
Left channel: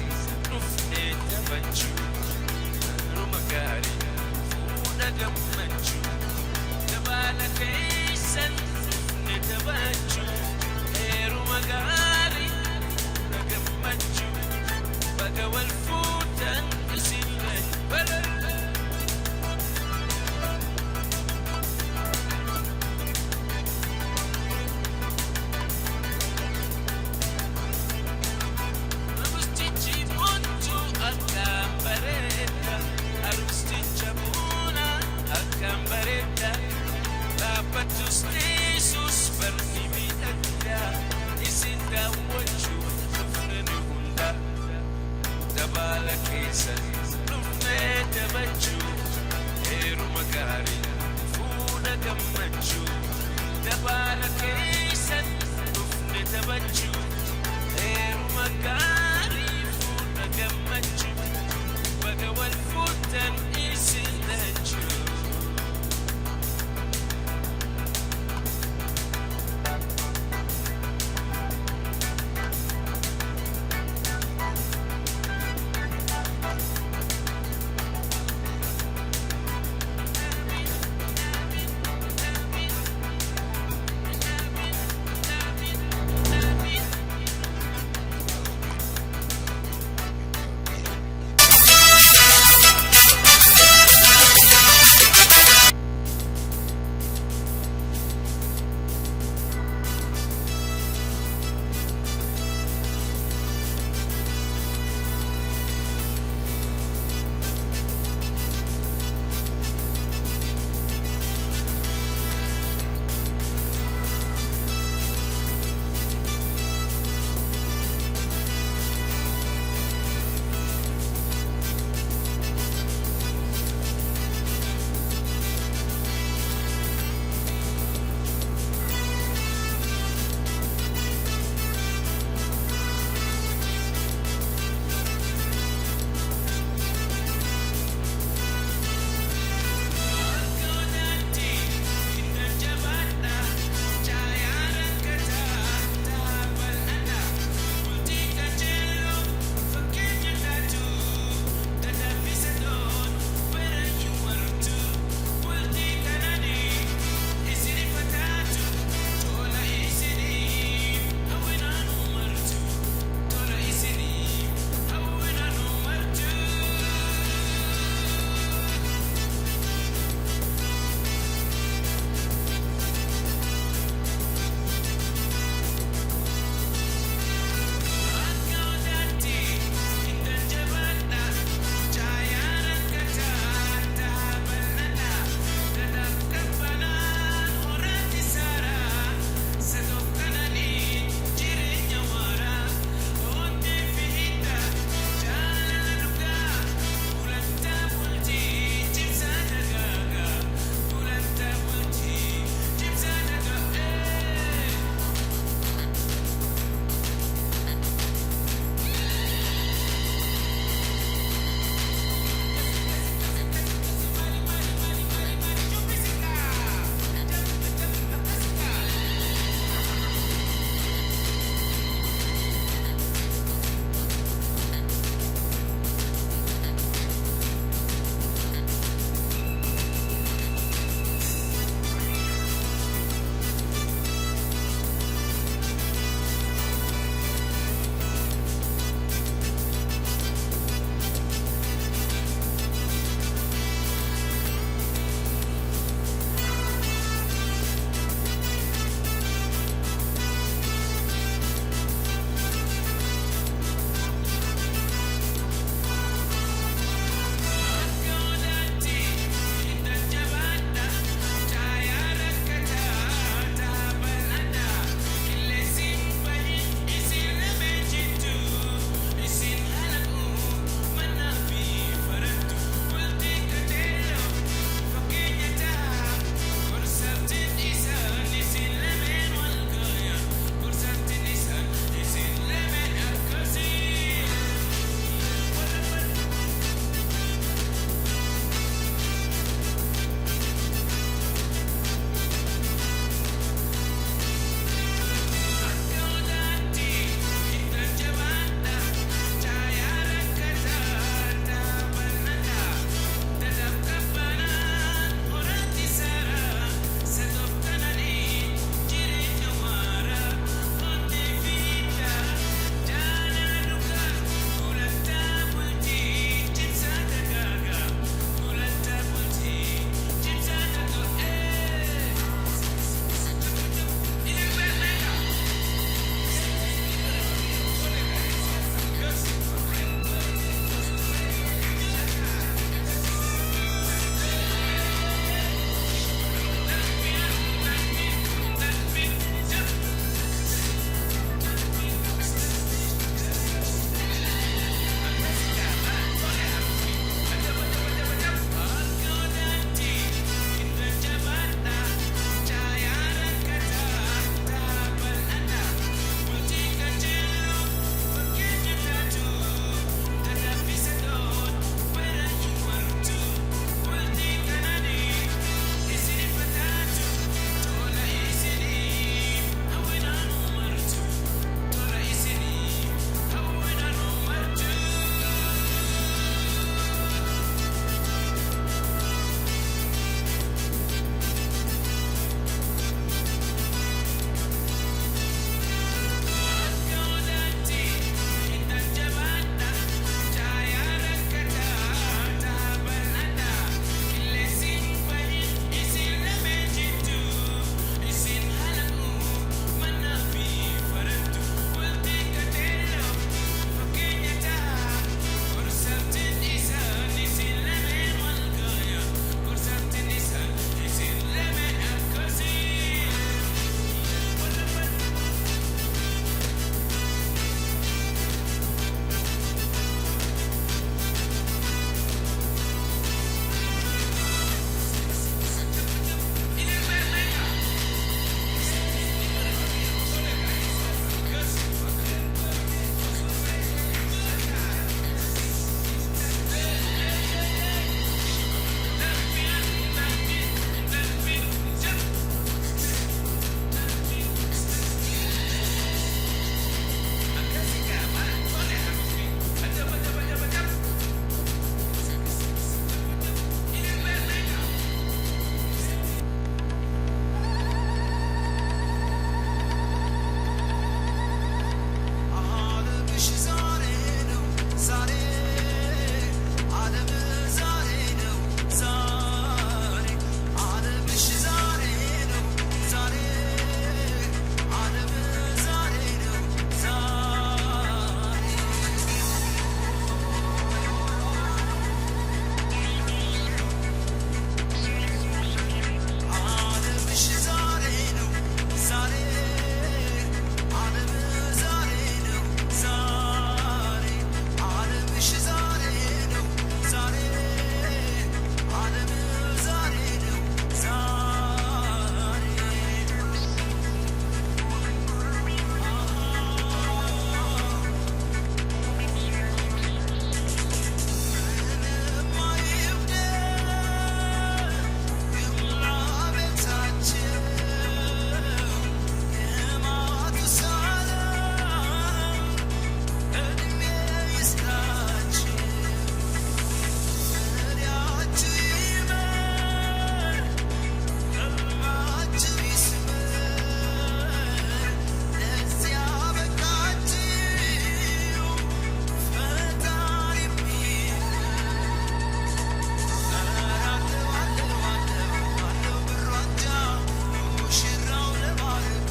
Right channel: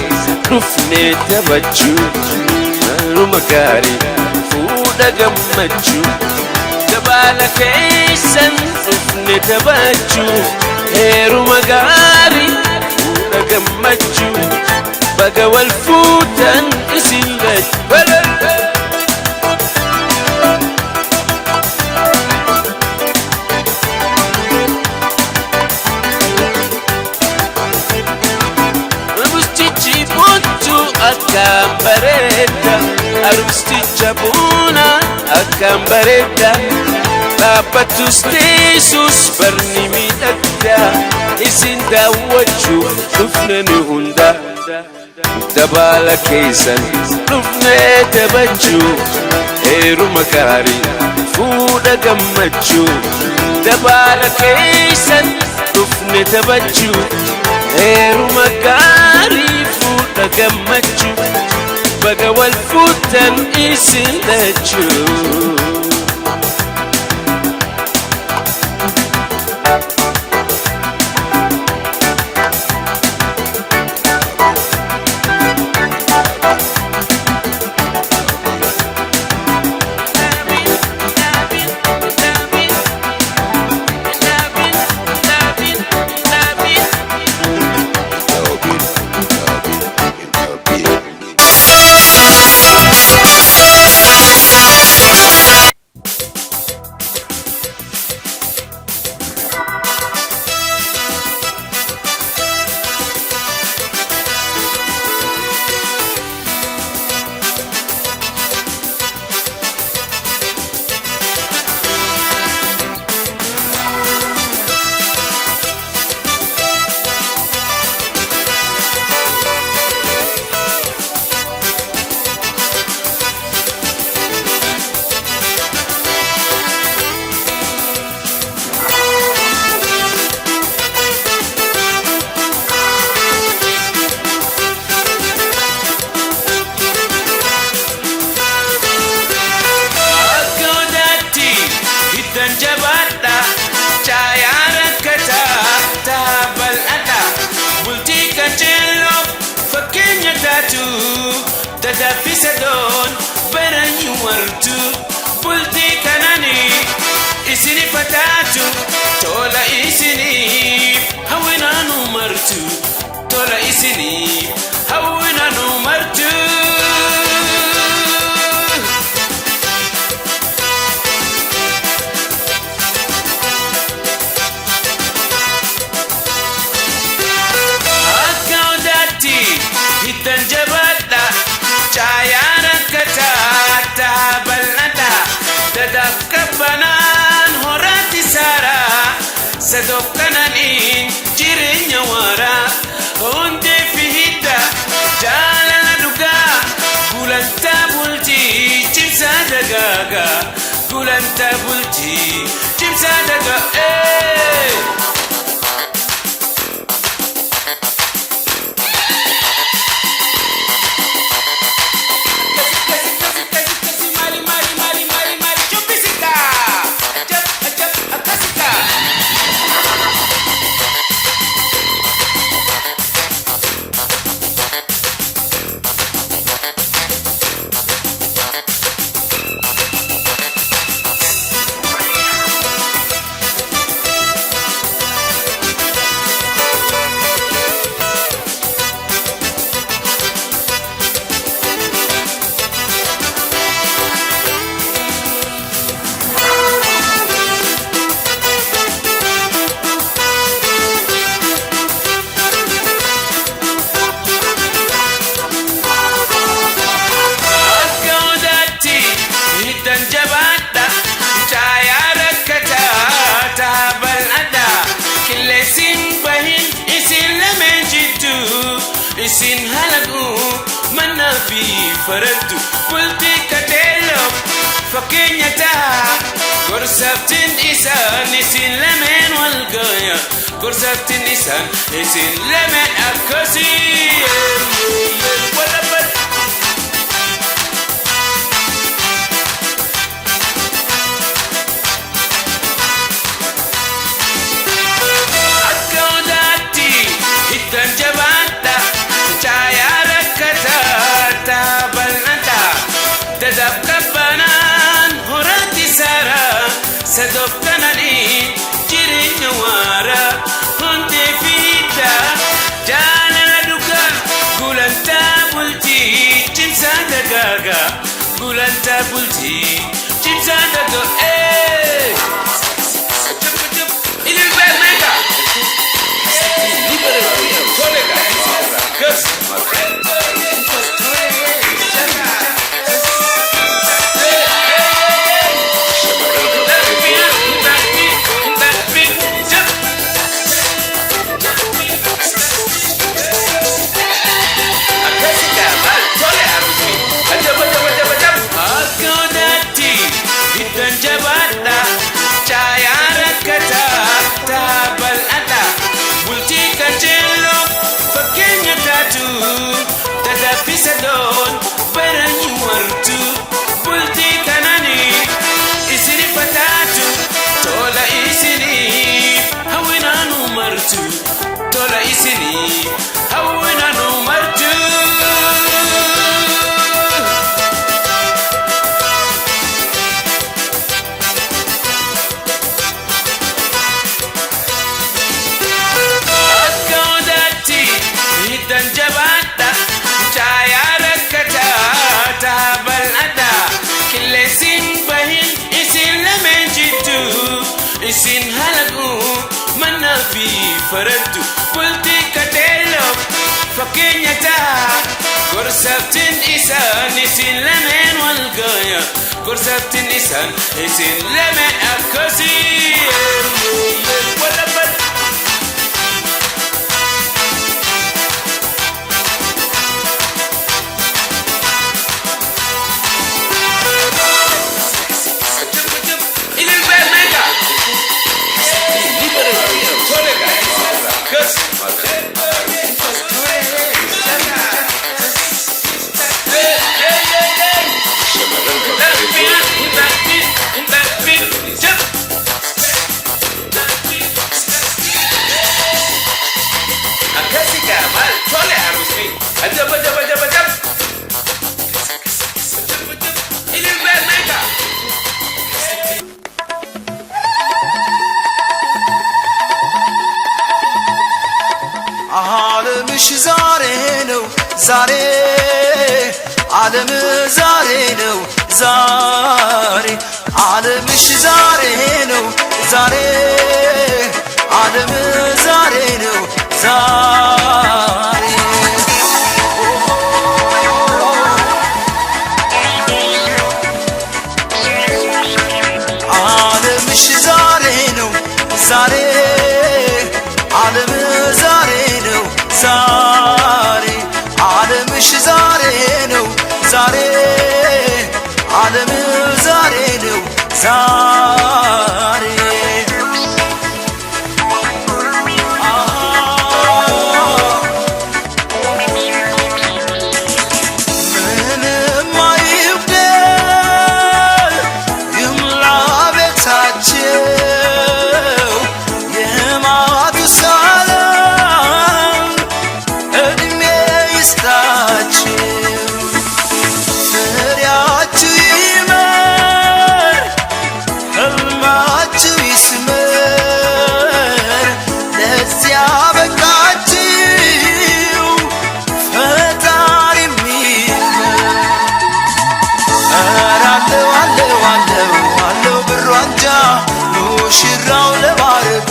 dhufnee taphachuu heeruma gaarii fuudha gammachuu Dabala keessan dhufnee taphachuu heeruma gaarii fuudha gammachuu Baga wal fuudhan isin lachuu Akkam bareeda Arusticha boona akkam bareeda Dhaabbatus teessus barni miidhagda Isin daawwachuuf dhufnani hunda Dabala keessan dhufnee taphachuu heeruma gaarii fuudha gammachuu Dabala keessan dhufnee taphachuu heeruma gaarii gammachuu Baga wal fuudhan isin lachuu tadaffisa doon baranyu wartu bultii kananii isini fataatu tola isiniif hawwinaanu martu tola isiniif hawwinaanu martu. Hiddan jabaadha caayaan akka taata bal'adha dadaaf qabbanaan horaatti saaraa sadoof kananiin jireenya waaraa hundee fi hidda jaalala dhugaa gulantaa bultii cimsaa dagaagaa gulantaa bultii cimsaa dagaagaa. Isin halagu mana fi farantu bultii kateelo fakkeenya ta'a gorsaftiin isaan isin lameen wal gaya gorsaftiin isaan isin lameen akkasii walabal. Akka odaatti hiddan jabaadha caayaan akka taata bal'adha dadaaf qabbanaan horaatti saaraa sadoof kananiin jireenya waaraa hundee fi hidda jaalala dhugaa gulantaa bultii cimsaa dagaagaa gulantaa bultii cimsaa dagaagaa. Yes. Tadaffisa doon baranyu wartu bultii kananii isini fataatu tola isiniif hawwinaanu martu tola isiniif hawwinaanu martu. Akka odaatti hiddan jabaadha caayaan akka taata bal'adha qilleensiin bahin isin lameen jiddu isin halagu mana fi farantu bultii kateelo fakkeenya ta'a gorsaftiin isaan isin lameen wal gaya gorsaftiin isaan isin lameen akkasii walabal. ዓለምሽ ዛሬ ነው ዛሬ ዓለም ዛሬ ነው ዛሬ ዓለምሽ ዛሬ ነው ዛሬ ዓለም ዛሬ ነው ዛሬ ዓለምሽ ዛሬ ነው ዛሬ ዓለም ዛሬ ነው ዛሬ ዓለምሽ ዛሬ ነው ዛሬ ዓለም ዛሬ ነው ዛሬ ምንም አይጉደል ይምላ ቤታቸው የማቱሳላም ዕድሜ ይስጣችሁ ፍሬያችሁ ይመር ሕልማችሁ ይስመር ለዚያ በቃችሁ ፈጣሪ የሚመር ኧረ አለው ብሩ አንጃ ሙሽራው ለባረጉ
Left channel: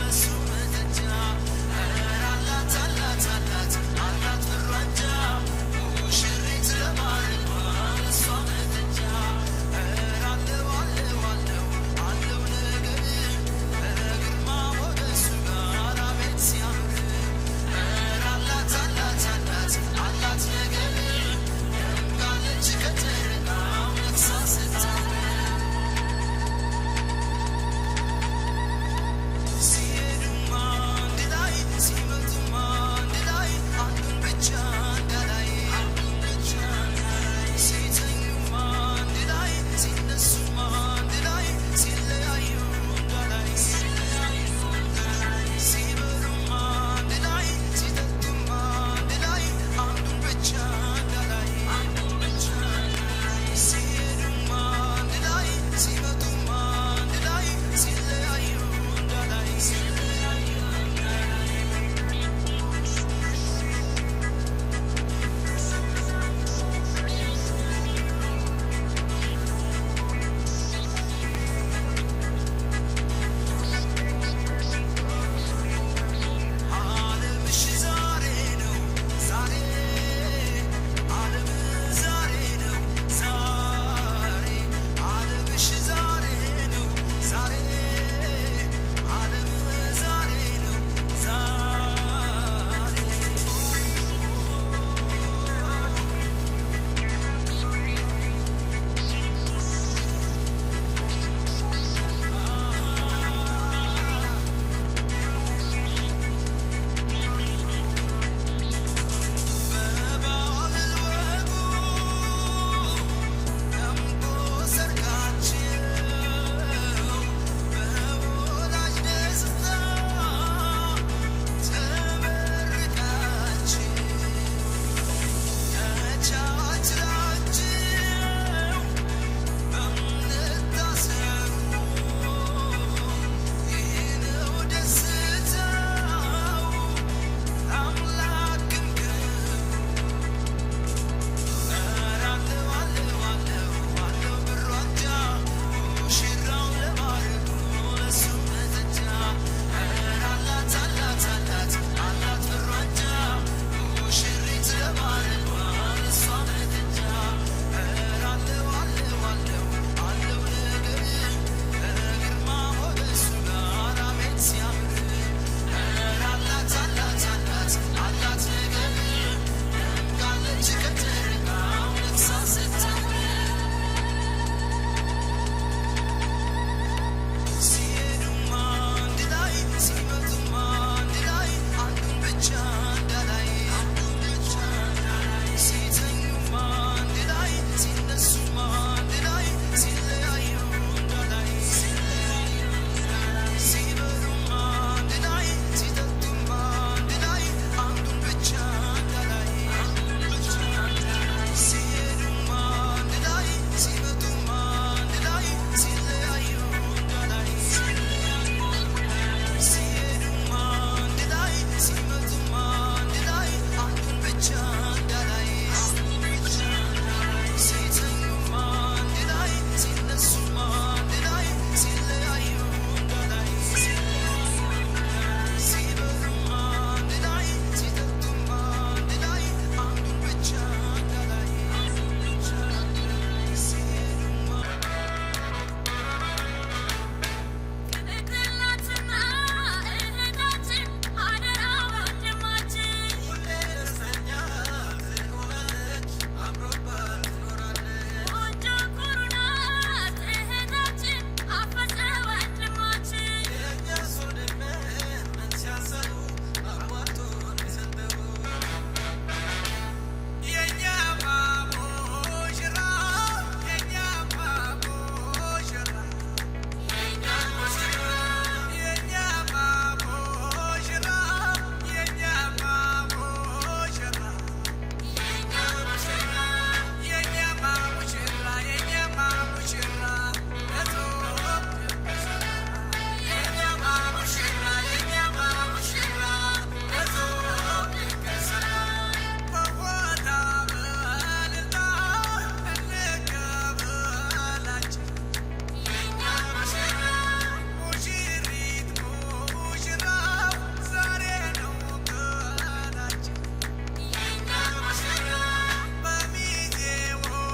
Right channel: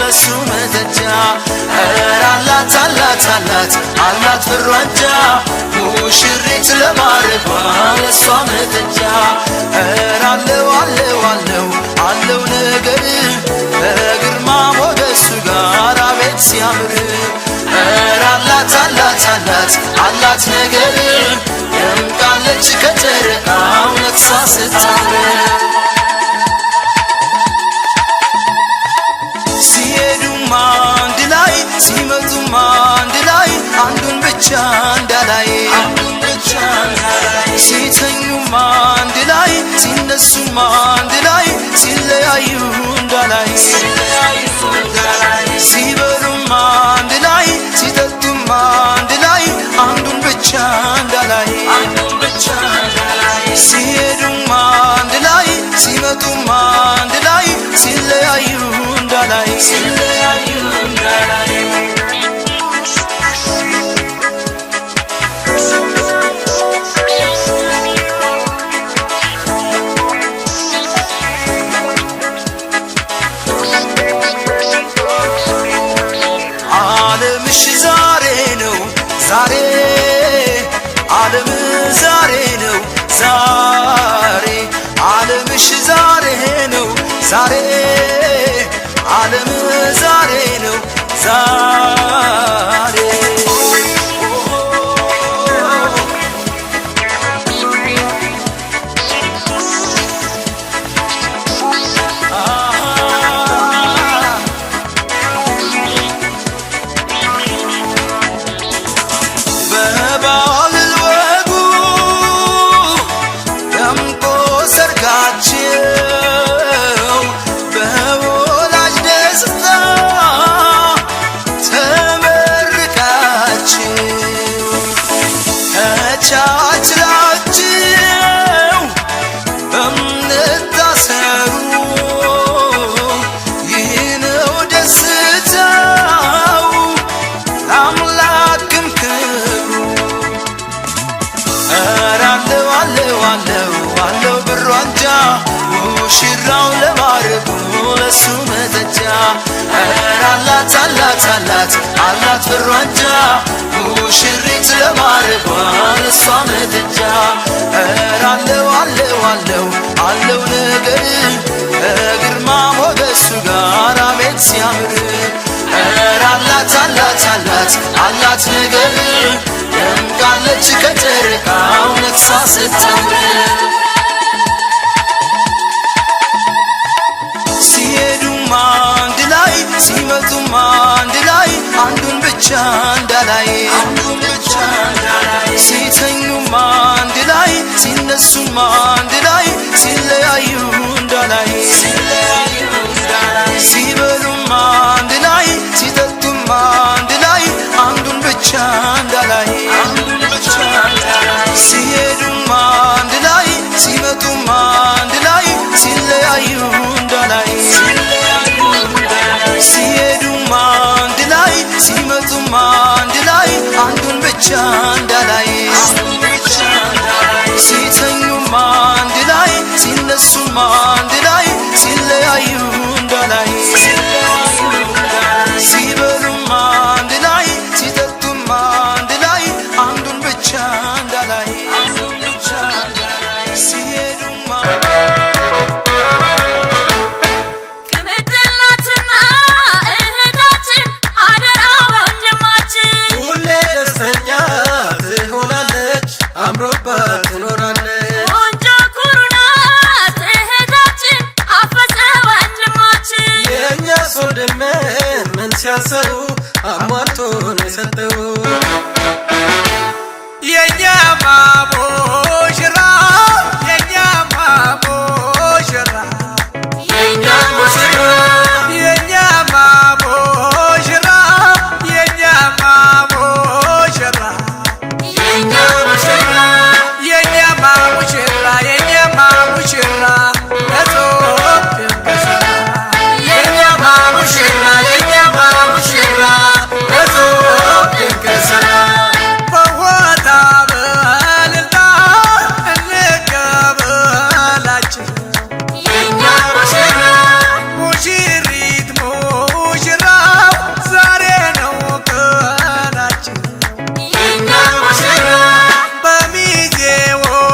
ለሱ መተጃ ኧረ አላት ብሩ አንጃ ሙሽሪት ለማረጓ ለሷ መተጃ ኧረ አለው ነገር ከግርማ ሞገሱ ጋር አቤት ሲያምር ኧረ አላት ነገር ደምቃለች ከጨረቃው ነግሳ ስታምር ሲሄዱም አንድ ላይ ሲመጡም አንድ ላይ አንዱን ብቻ እንዳላይ ሲተኙም አንድ ላይ ሲነሱም አንድ ላይ ሲለያዩ እንዳላይ ሲበሉም አንድ ላይ ሲጠጡም አንድ ላይ አንዱን ብቻ እንዳላይ ሲሄዱም አንድ ላይ ሲመጡም አንድ ላይ ሲለያዩ እንዳላይ ዓለምሽ ዛሬ ነው ዛሬ ዓለም ዛሬ ነው ዛሬ ዓለምሽ ዛሬ ነው ዛሬ ዓለም ዛሬ ነው ዛሬ በባህል ወጉ ደምቆ ሰርጋቸው በወላጅ ደስታ ተመርቃችሁ ተቻችላችሁ በእምነት ታሰሩ ይህ ነው ደስታው ለአምላክም ክብሩ ኧረ አለው ብሩ አንጃ ሙሽራው ለማረጉ ለሱ መተጃ ኧረ አላት ብሩ አንጃ ሙሽሪት ለማረጓ ለሷ መተጃ ኧረ አለው ነገር ከግርማ ሞገሱ ጋር አቤት ሲያምር ኧረ አላት ነገር ደምቃለች ከጨረቃው ነግሳ ስታምር ሲሄዱም አንድ ላይ ሲመጡም አንድ ላይ አንዱን ብቻ እንዳላይ ሲተኙም አንድ ላይ ሲነሱም አንድ ላይ ሲለያዩ እንዳላይ ሲበሉም አንድ ላይ ሲጠጡም አንድ ላይ አንዱን ብቻ እንዳላይ ሲሄዱም አንድ ላይ ሲመጡም አንድ ላይ ሲለያዩ እንዳላይ ሲሄዱም አንድ ላይ ሲመጡም አንድ ላይ ብቻ እንዳላይ ሲተኙም አንድ ላይ ሲነሱም አንድ ላይ ሲለያዩ እንዳላይ ሲበሉም አንድ ላይ ሲጠጡም አንድ ላይ አንዱን ብቻ እንዳላይ ሲሄዱም ሲያሰሩ አሟልቶን የሰጠው የኛማ ሙሽራ የኛማ ሙሽራ የኛ ሙሽራ የኛማ ሙሽራ የኛማ ሙሽራ የኛ ሙሽራ የኛማ ሙሽራ የኛማ ሙሽራ ለጾም ድንገሰራ የኛማ ሙሽራ የኛማ ሙሽራ ለጾም ድንገሰራ በሆታ በእልልታ እንቀበላቸው የኛ ሙሽራ ሙሽሪት ሙሽራው ዛሬ ነው ቀናቸው የኛ ሙሽራ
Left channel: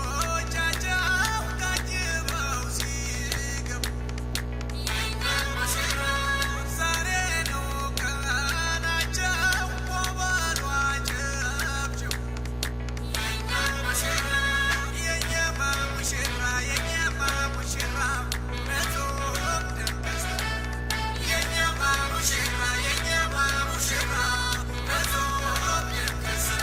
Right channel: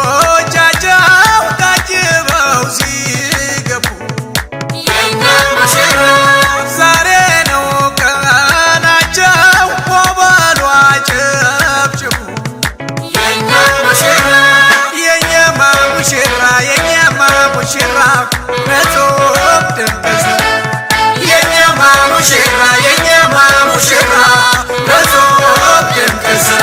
በሚዜዎቻቸው ታጅበው ሲገቡ የኛ ሙሽራ ዛሬ ነው ቀናቸው ወበሉ አጨብጭቡ የኛ ሙሽራ የኛማ ሙሽራ የኛማ ሙሽራ ለጾም ድንገሰራ የኛማ ሙሽራ የኛማ ሙሽራ ለጾም ድንገሰራ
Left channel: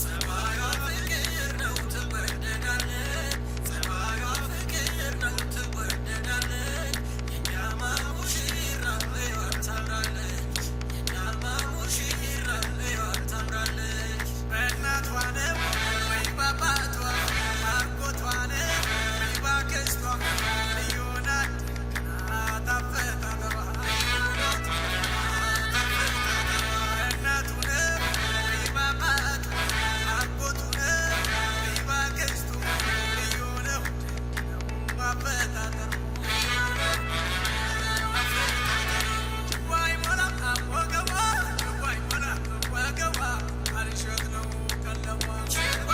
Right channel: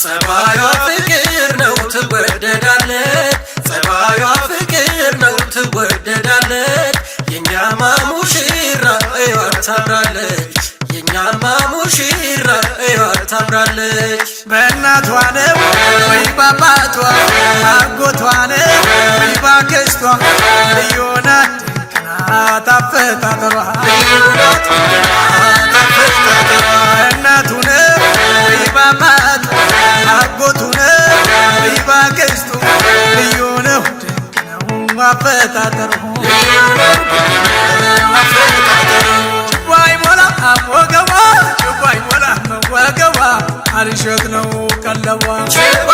ጸባዩ ፍቅር ነው ትወደዳለች ጸባዩ ፍቅር ነው ትወደዳለች የኛማ ሙሽራ እዩዋት ታምራለች የኛማ ሙሽራ እዩዋት ታምራለች በእናቷ ነው ወይ በአባቷ አጎቷ ነው ወይ በአክስቷ ልዩ ናት ድንቅ ናት አፈጣጠሯ በእናቱ ነው ወይ በአባቷ አጎቱ ነው ወይ በአክስቱ ልዩ ነው ድንቅ ነው አፈጣጠሯ ችቦ አይሞላም ወገቧ ችቦ አይሞላም ወገቧ አልሸት ነው ቀለቧ ችቦ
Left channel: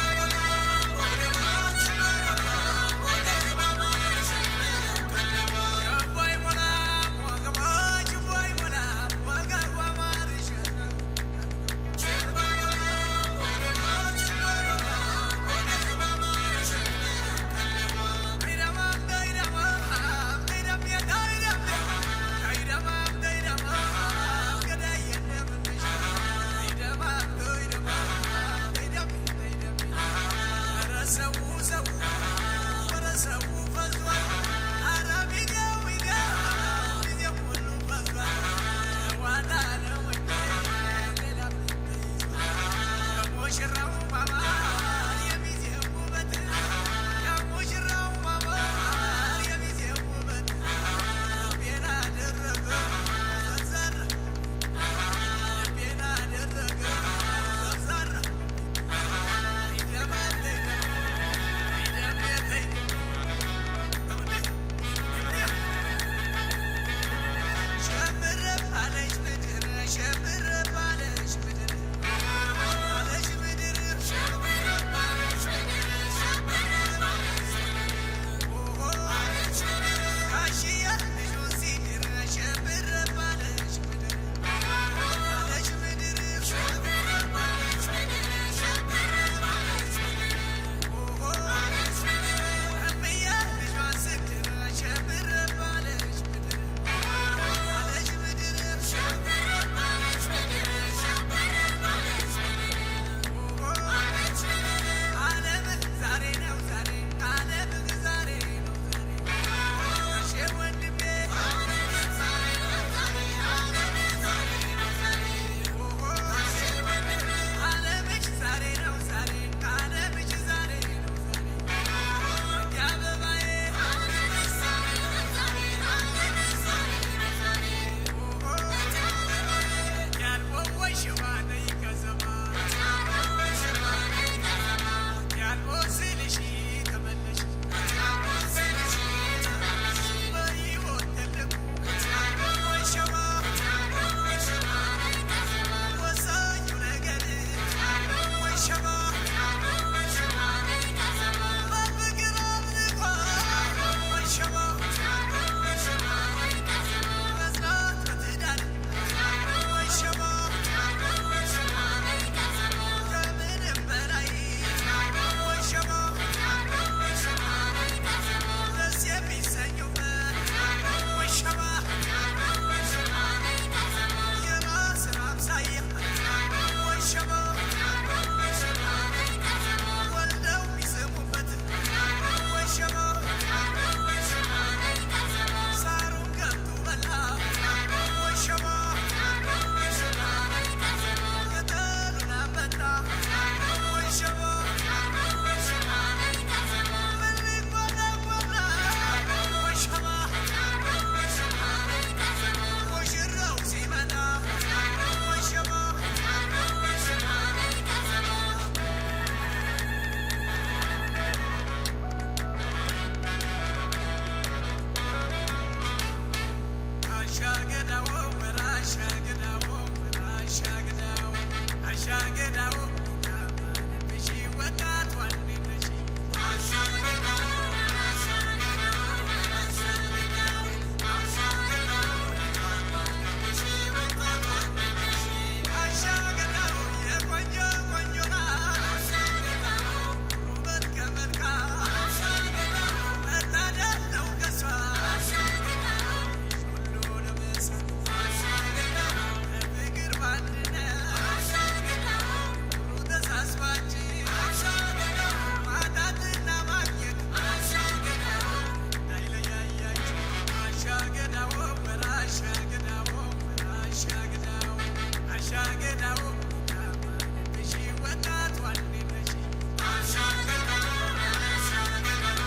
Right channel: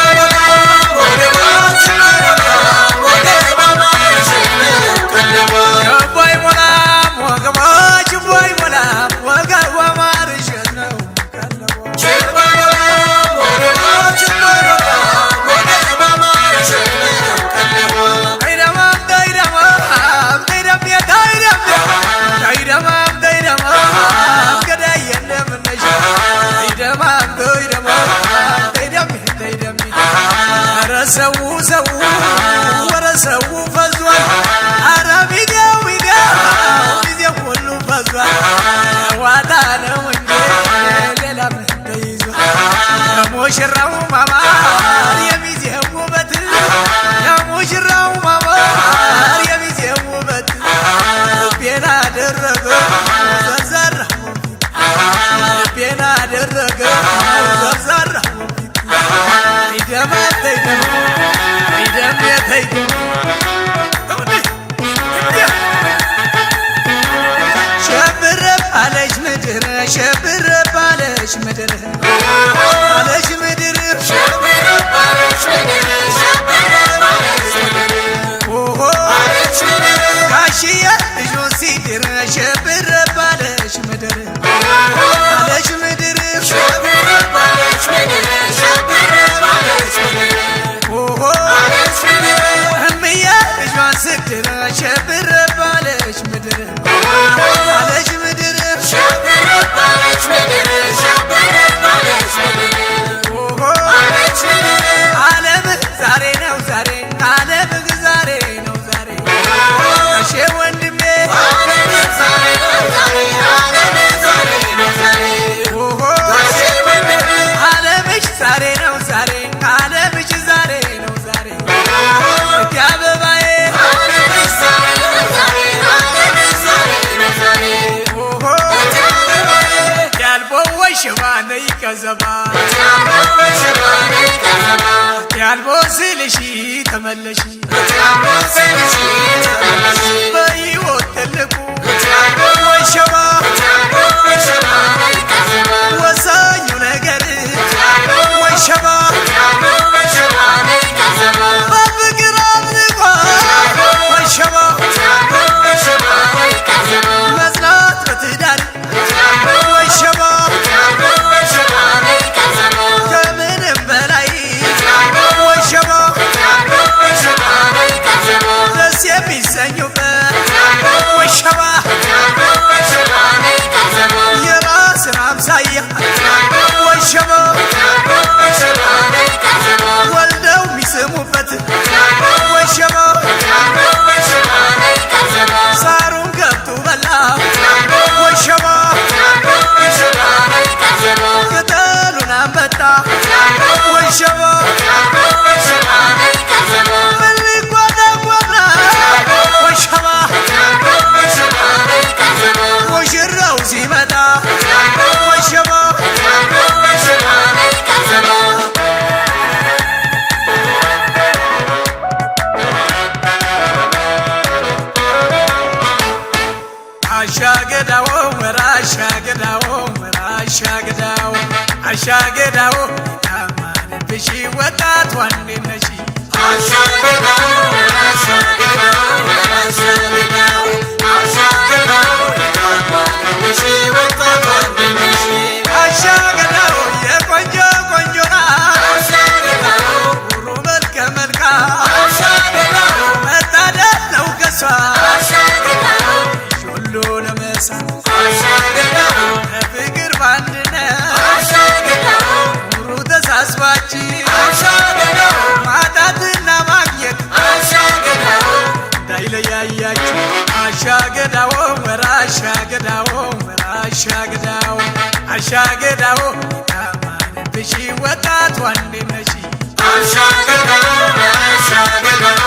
አይሞላም ወገቧ ችቦ አይሞላም ወገቧ አልሸት ነው ቀለቧ ሰው ወረ ሰው ፈዟል አረ ቪዲዮው ጊዜው ሁሉ ፈዟል ዋታ ነው እንጂ ሌላ ምን ተይዟል የሙሽራው ማማር የሚዜው ውበት የሙሽራው ማማር የሚዜው ውበት ልቤን አደረገው ዘርዘራው ልቤን አደረገው ዘርዘራው ሸብረባለች ምድር ሸብረባለች ምድር አለች ምድር ሸብረባለች ምድር ሸብረባለች ምድር ኦሆ ጋሽዬ ልጁን ሲድር ሸብረባለች ምድር አለች ምድር ሸብረባለች ምድር ሸብረባለች ምድር ኦሆ እምዬ ልጇን ስትድር ሸብረባለች ምድር አለች ምድር ሸብረባለች ምድር ሸብረባለች ምድር ኦሆ ዓለም ዛሬ ነው ዛሬ ዓለም ዛሬ ነው ዛሬ እሺ ወንድሜ ዓለም ዛሬ ነው ዛሬ ነይ ከዘባ ያልቦስልሽ ተመለሽ በሕይወት ትልቁ ወይ ሸባ ወሳኙ ነገር ወይ ሸባ በፍቅር አምልኳ ወይ ሸባ መጽናት በትዳር ወይ ሸባ ከምንም በላይ ወይ ሸባ ደስ የሚሰኙበት ወይ ሸባ የራስን አምሳያ ወይ ሸባ ወልደው የሚስሙበት ወይ ሸባ ሳሩን ገብቶ በላ ወይ ሸባ ቅጠሉን አንበጣ ወይ ሸባ ምን ሊጓዳጓዳ ወይ ሸባ ሙሽራው ሲመጣ ወይ ሸባ አሻገዳው ወራሻገዳው ወራሻገዳው አሻገዳው ያማንብሽ ወጣት ዋንዴነሽ አሻገዳው ወራሻገዳው ወራሻገዳው አሻገዳው ያማንብሽ ወጣት ዋንዴነሽ አሻገዳው የቆንጆ ቆንጆና አሻገዳው ሁሉ መልከ መልካም አሻገዳው መታደል ነው ከሷ አሻገዳው ሁሉንም መሳም አሻገዳው በፍቅር በአንድነት አሻገዳው ኑሩ ተሳስባችሁ አሻገዳው ማጣትና ማግኘት አሻገዳው እንዳይለያያችሁ አሻገዳው ወራሻገዳው ወራሻገዳው አሻገዳው ያማንብሽ ወጣት ዋንዴነሽ አሻገዳው አሻገዳው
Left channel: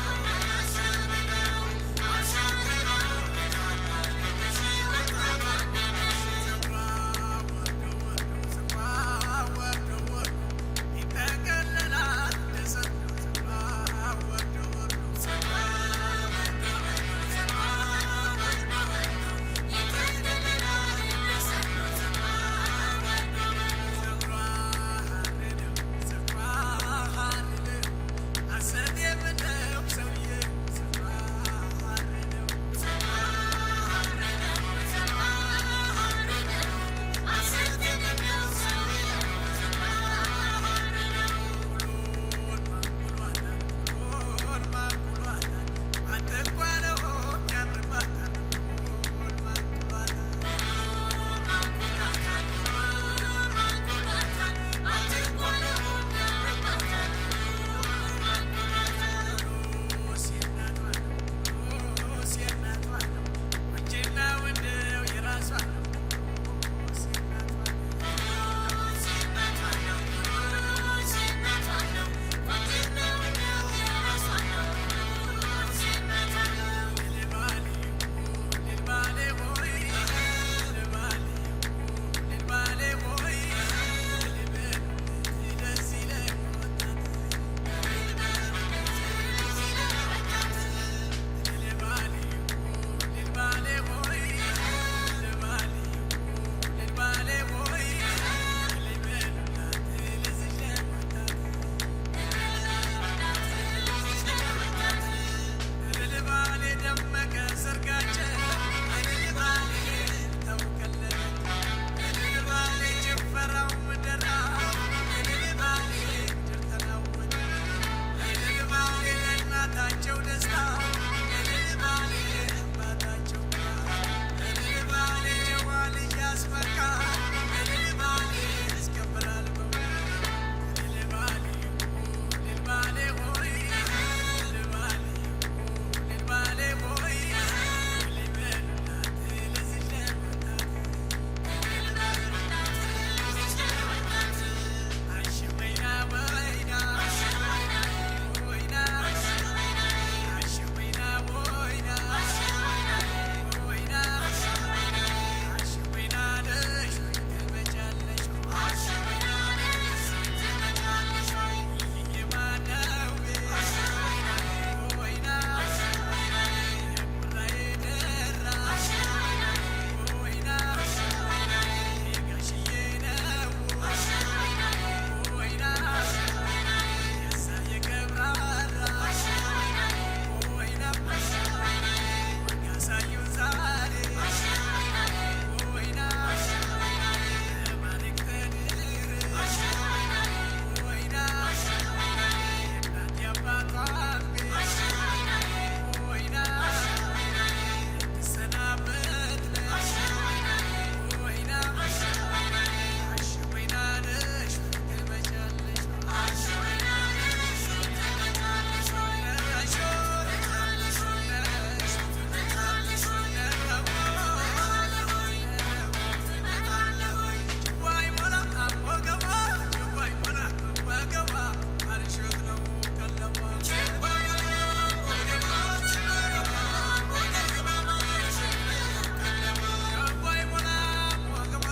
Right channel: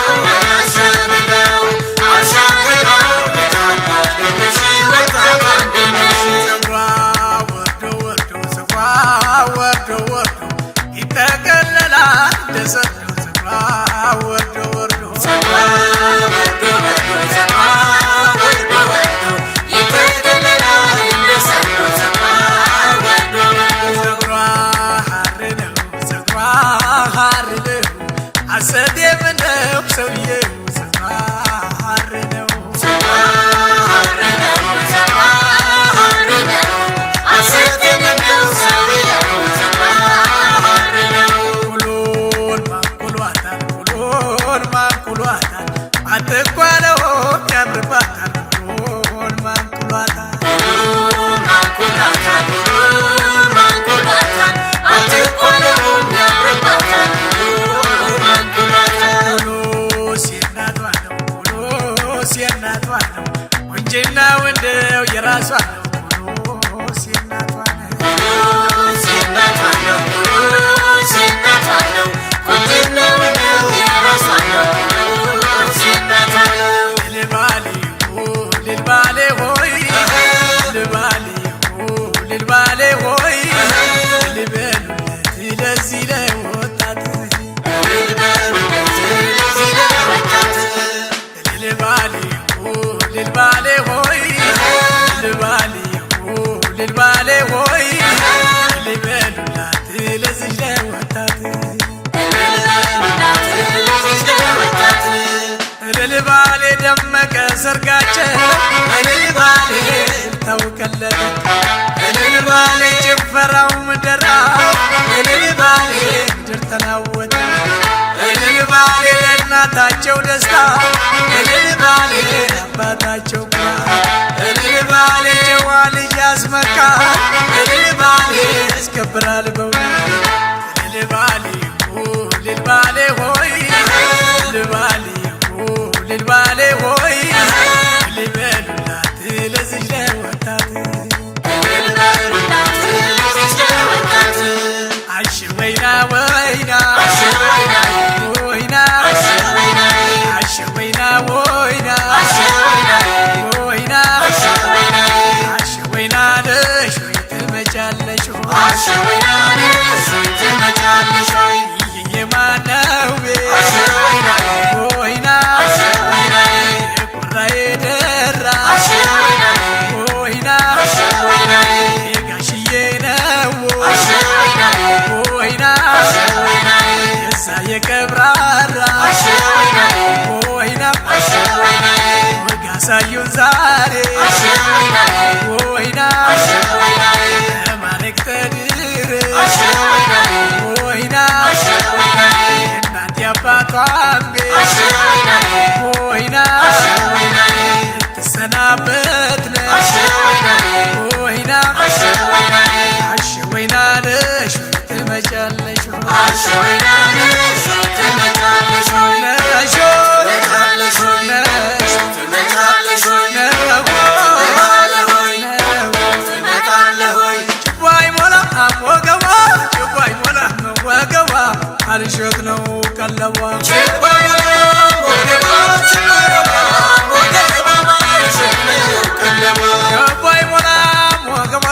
አሻገዳው አሻገዳው ያማንብሽ ወጣት ዋንዴነሽ ፀጉሯ ወርዶ ወርዶ ፀጉሯ ወርዶ ወርዶ ይጠቀለላል ደሰት ነው ፀጉሯ ወርዶ ወርዶ ፀጉሯ ሐር ነው ፀጉሯ ሐር ነው አሰዴም ነው ሰውዬው ፀጉሯ ሐር ነው ኩሎን ማንኩሏታል ኩሎን ማንኩሏታል አትኳለው ያምርባታል ኩሎን ማንኩሏታል ኩሎስ የእናቷ ነው ኩሎስ የእናቷ ነው ቁንጅናው እንደው የራሷ ነው ኩሎስ የእናቷ ነው ልልባሌ ልልባሌ ሆይ ልልባሌ ልልባሌ ሆይ ልበሉለት ለዚህ ለወጣት ልልባሌ ልልባሌ ሆይ ልልባሌ ልልባሌ ሆይ ልበሉላት ለዚህ ለወጣት ልልባሌ ደመቀ ሰርጋቸው ልልባሌ ታውቀለለ ልልባሌ ጭፈራው ምደራ ልልባሌ ምድር ተናወጠ ልልባሌ ለእናታቸው ደስታ ልልባሌ አባታቸው ልልባሌ ጨዋ ልጅ ያስመካ ልልባሌ ያስከብራል በእውነት ልልባሌ ልልባሌ ሆይ ልልባሌ ልልባሌ ሆይ ልበሉላት ለዚህ ለወጣት አሽ ወይና ወይና አሽ ወይና ወይና አሽ ወይና ወይና ወይና አሽ ወይና ደሽ ወይ ትመጫለሽ ያሳዩን ዛሬ ወይና ማለክ ተድር ወይና እናት ያባቷን ቤት ወይና ትሰናበት ነሽ ወይና አሸወይና ነሽ ትመጫለሽ አሸወይና ነሽ ትመጫለሽ ነሽ አልሸት ነው ቀለቧ ችባይ ሞላም ወገቧ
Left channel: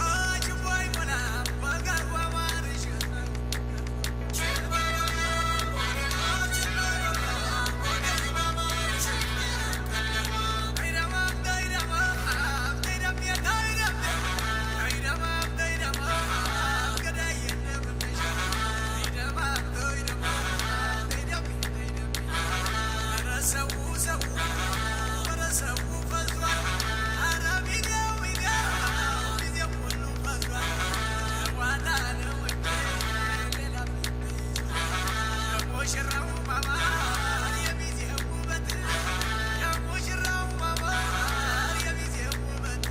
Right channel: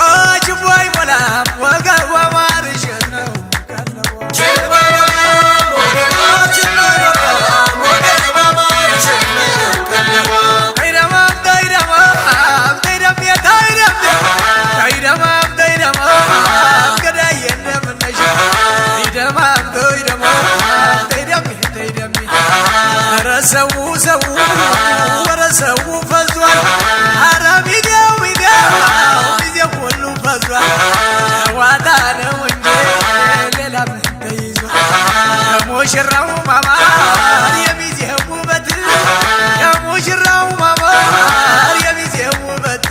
ችባይ ሞላም ወገቧ ማርሸት ነው ሰው ወረ ሰው ፈዟል ኧረ ሚዲያው ሚዲያው ሁሉ ፈዟል ዋዳ ነው እንጂ ሌላ ምን ተይዟል የሙሽራው ማማር የሚዜው ውበት የሙሽራው ማማር የሚዜው ውበት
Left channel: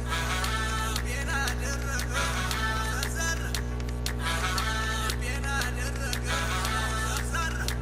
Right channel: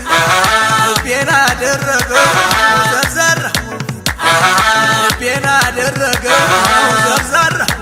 ልቤን አደረገው ዘርዘራው ልቤን አደረገው ዘርዘራው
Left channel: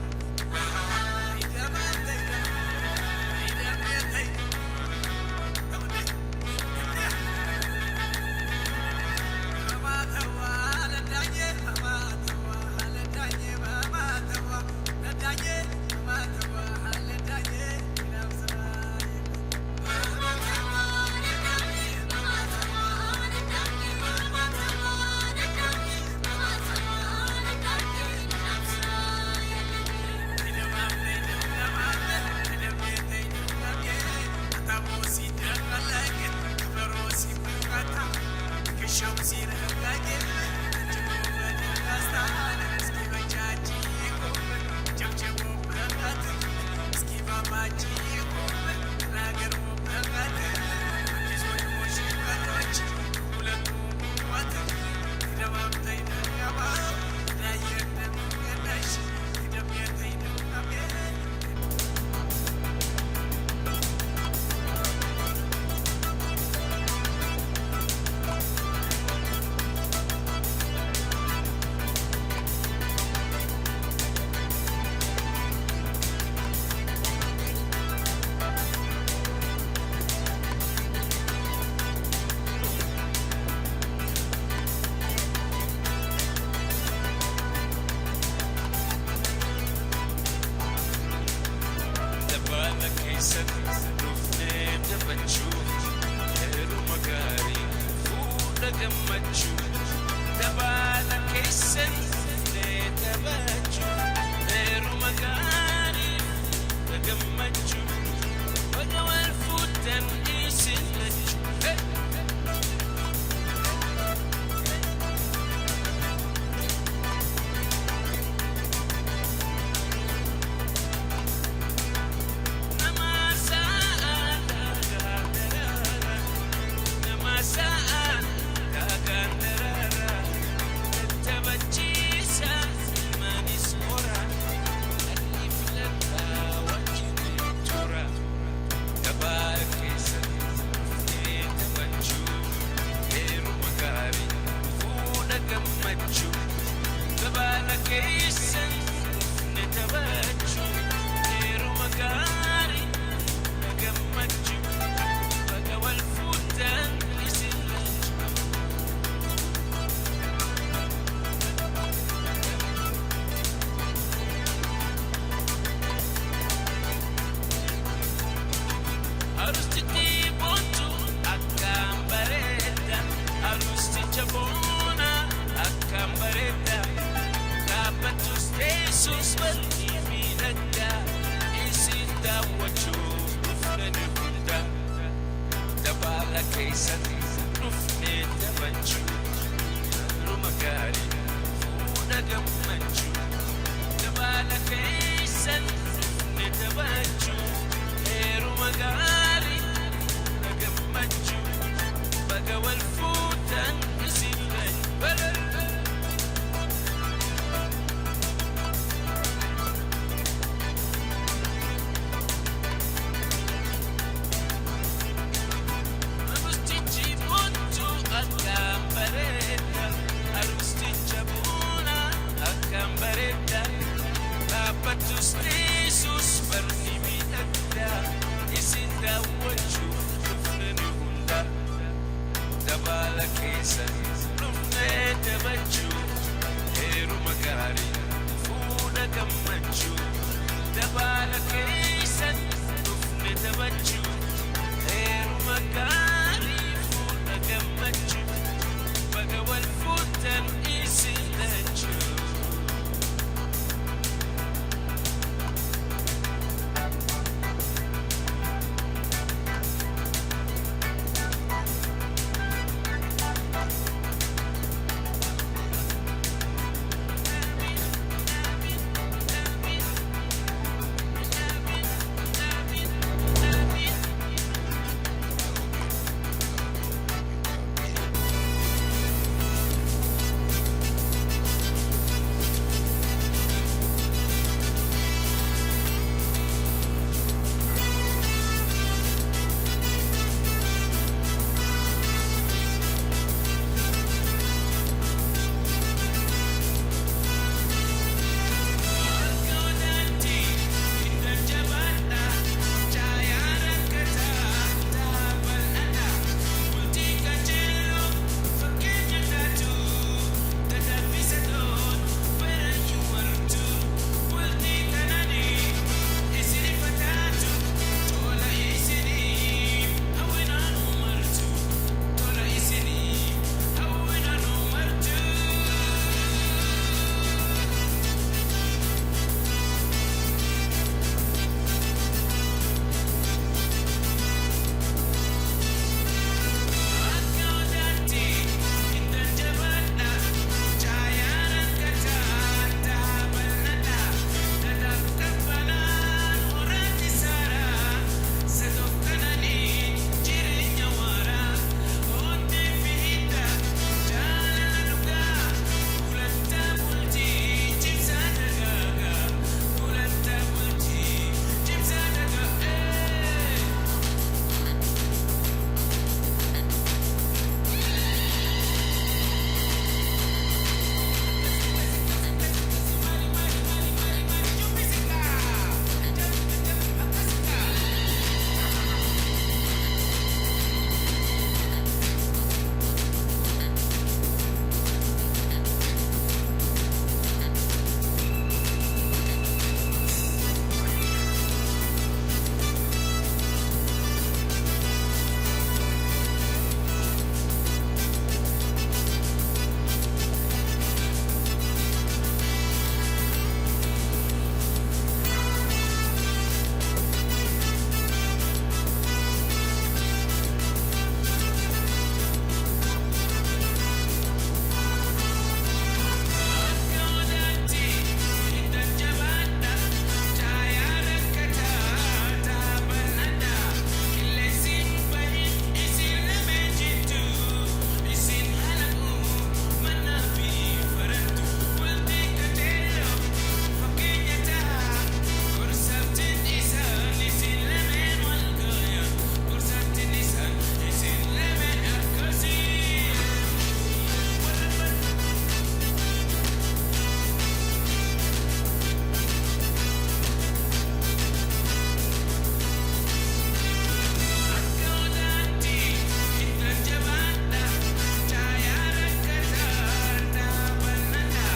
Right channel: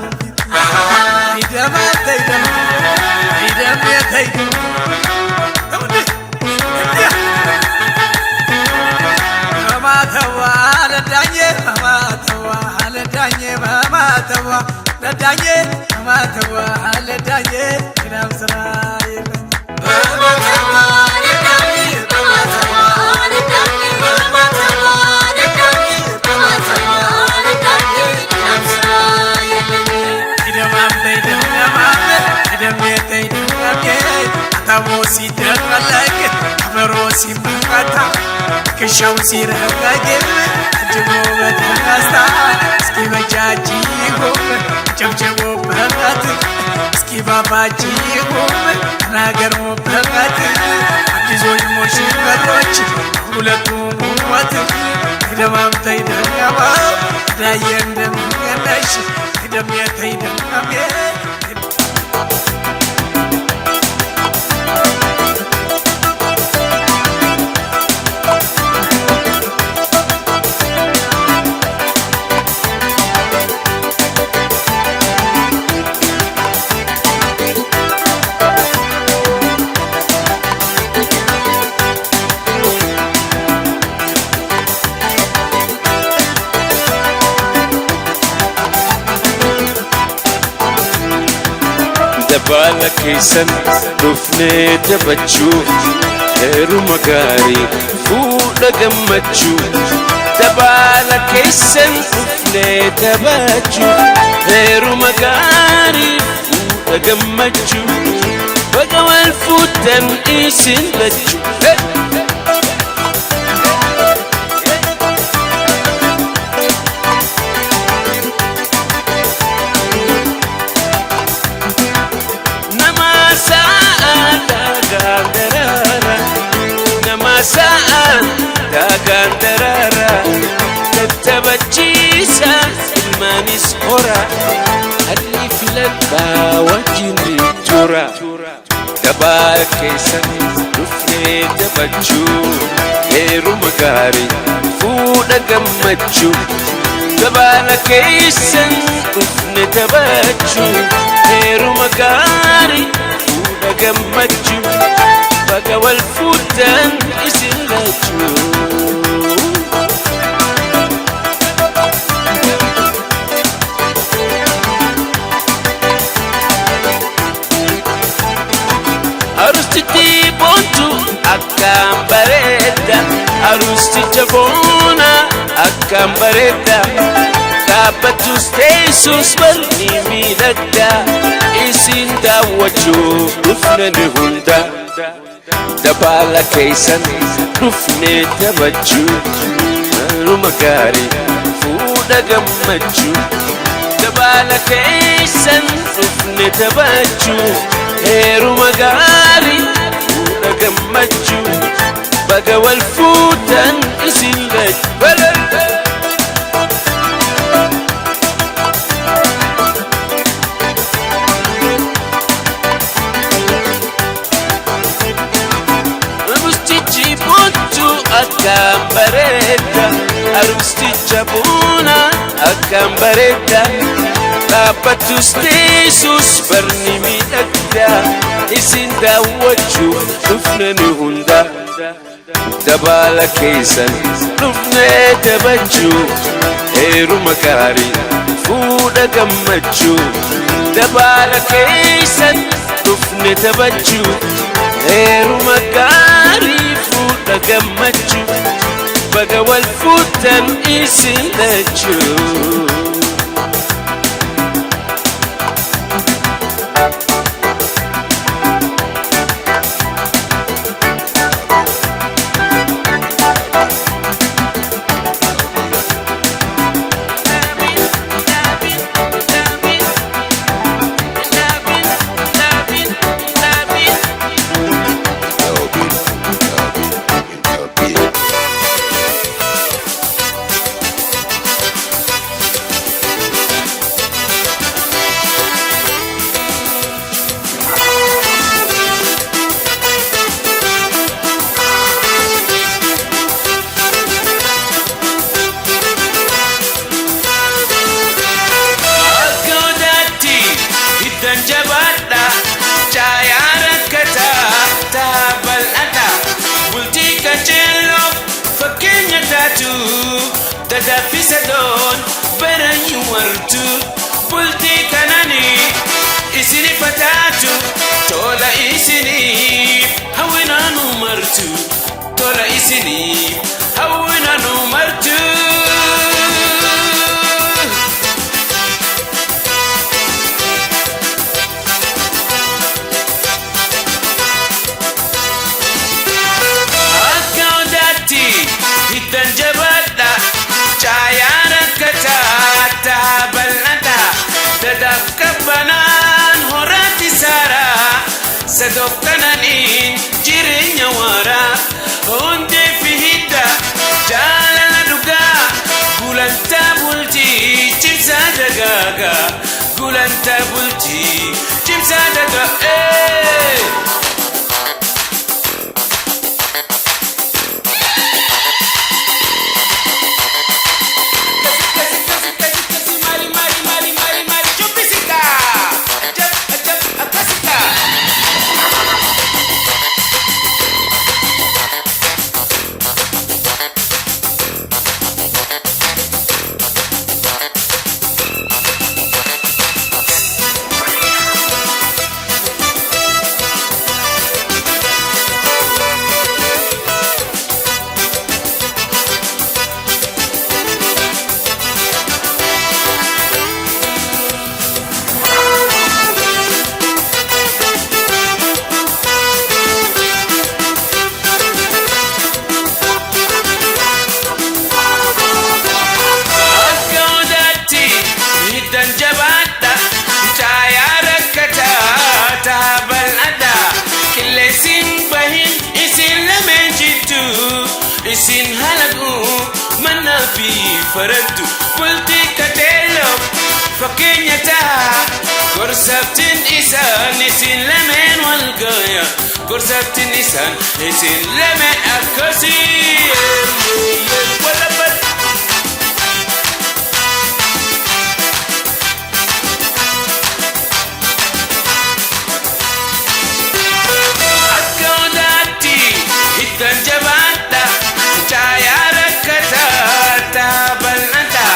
ሲደረግ አበሮሲ መጣ ከሻው ሲረጋግ ጅቦ በተነስታ እስኪ በጃጂ ጎም ጨብጨቦ በቃት እስኪ ባባጂ ጎም ተናገሮ በቃት አዲሶች ሙሽሮች ሁለቱም ሞት ደማምተይ ደማ ዳየ እንደምገናሽ ደምየተይ ደማሜ Dabala keessan dhufnee taphachuu heeruma gaarii fuudha gammachuu Dabala keessan dhufnee taphachuu heeruma gaarii fuudha gammachuu Baga wal fuudhan isin lachuu Saan dagan darara tatabachisa ilmanis hora alli filabba wajini tura Dabala keessan dhufnee taphachuu heeruma gaarii fuudha gammachuu Dabala keessan dhufnee taphachuu heeruma gaarii fuudha gammachuu Baga wal fuudhan isin lachuu Arustichi boontu akkam bareeda Arusticha boona akkam bareeda Dhaabbatus teessus bal'ii miidhagda Isin daawwachuuf dhufne ni hunda Dabala keessan dhufnee taphachuu heeruma gaarii fuudha gammachuu Dabala keessan dhufnee taphachuu heeruma gaarii gammachuu baga wal fuutan isin lachuu. Akkam bareeda aroosticha buuna akkam bareeda dhaabbatus teessus barni miidhagda isin daawwachuuf dhufne nu hunda dabaala keessan dhufnee taphachuu heeruma gaarii fuudha gammachuu dabaala keessan dhufne taphachuu heeruma gaarii gammachuu baga wal fuutan isin lachuu. Tadafisadon baranyu wartu bulti kanani isini fatatu tola isini hawinanu martu tola isini hawinanu martu. Akaudati hidan jabada Chayana kata tabalada dadap kabanan horati sara sadok kananin jirinya wara onde fihita jalala duga gulanta bulti chimsa dagaga gulanta bulti chimsa daga isin halagu mana fi farantu bulti katelo fakenya ta gorsaftin isan isin lemen wal gaya gorsaftin isan isin lemen akasi wala bat akaudati hidan jabata Chayara kata tabalada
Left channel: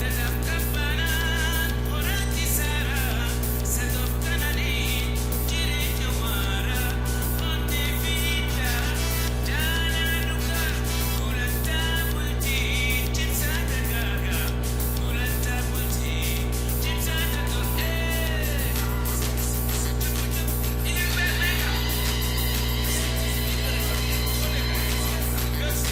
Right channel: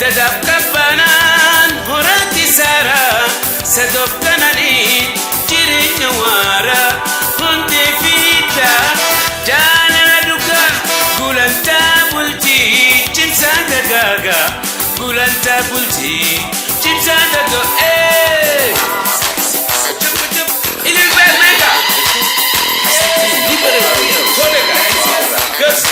dadap kabanan horati sara sadok kanani jirinya wara honde vita jana duka gulanta bulti chimsa dagaga gulanta bulti chimsa daga ini mega Gus.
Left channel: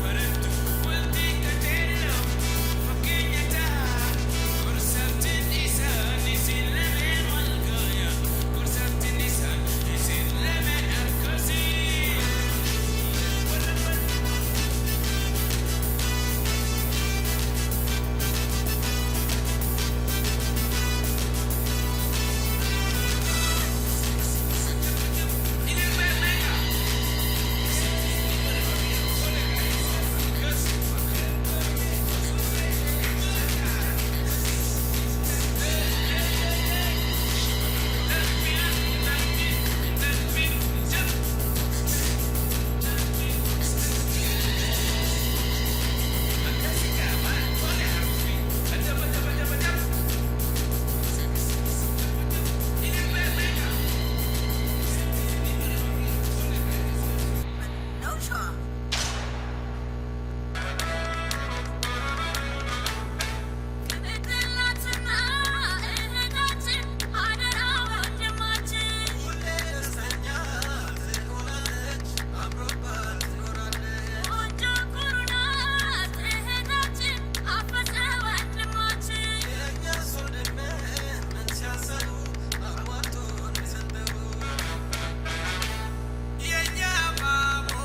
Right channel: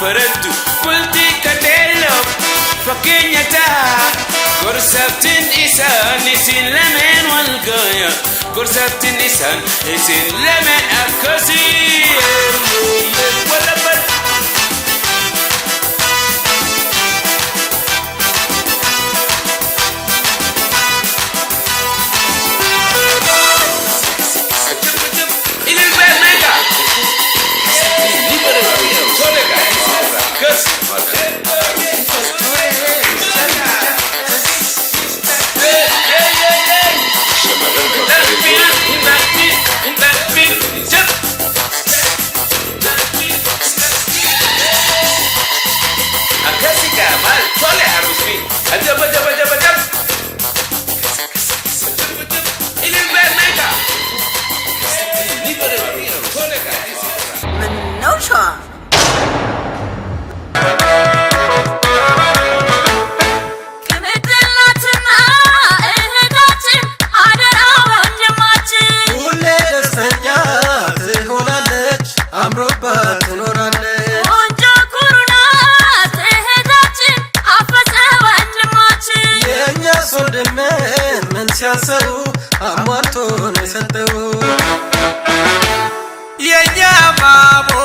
farantu kulti kadelo fakenya ta gorsabtin isan isin lemen walgaya gorsabtin isan isin lemen akasi wala bar No sure. ሲያሰሩ አሟልቶ ነው የሰጠው የኛ ማሞ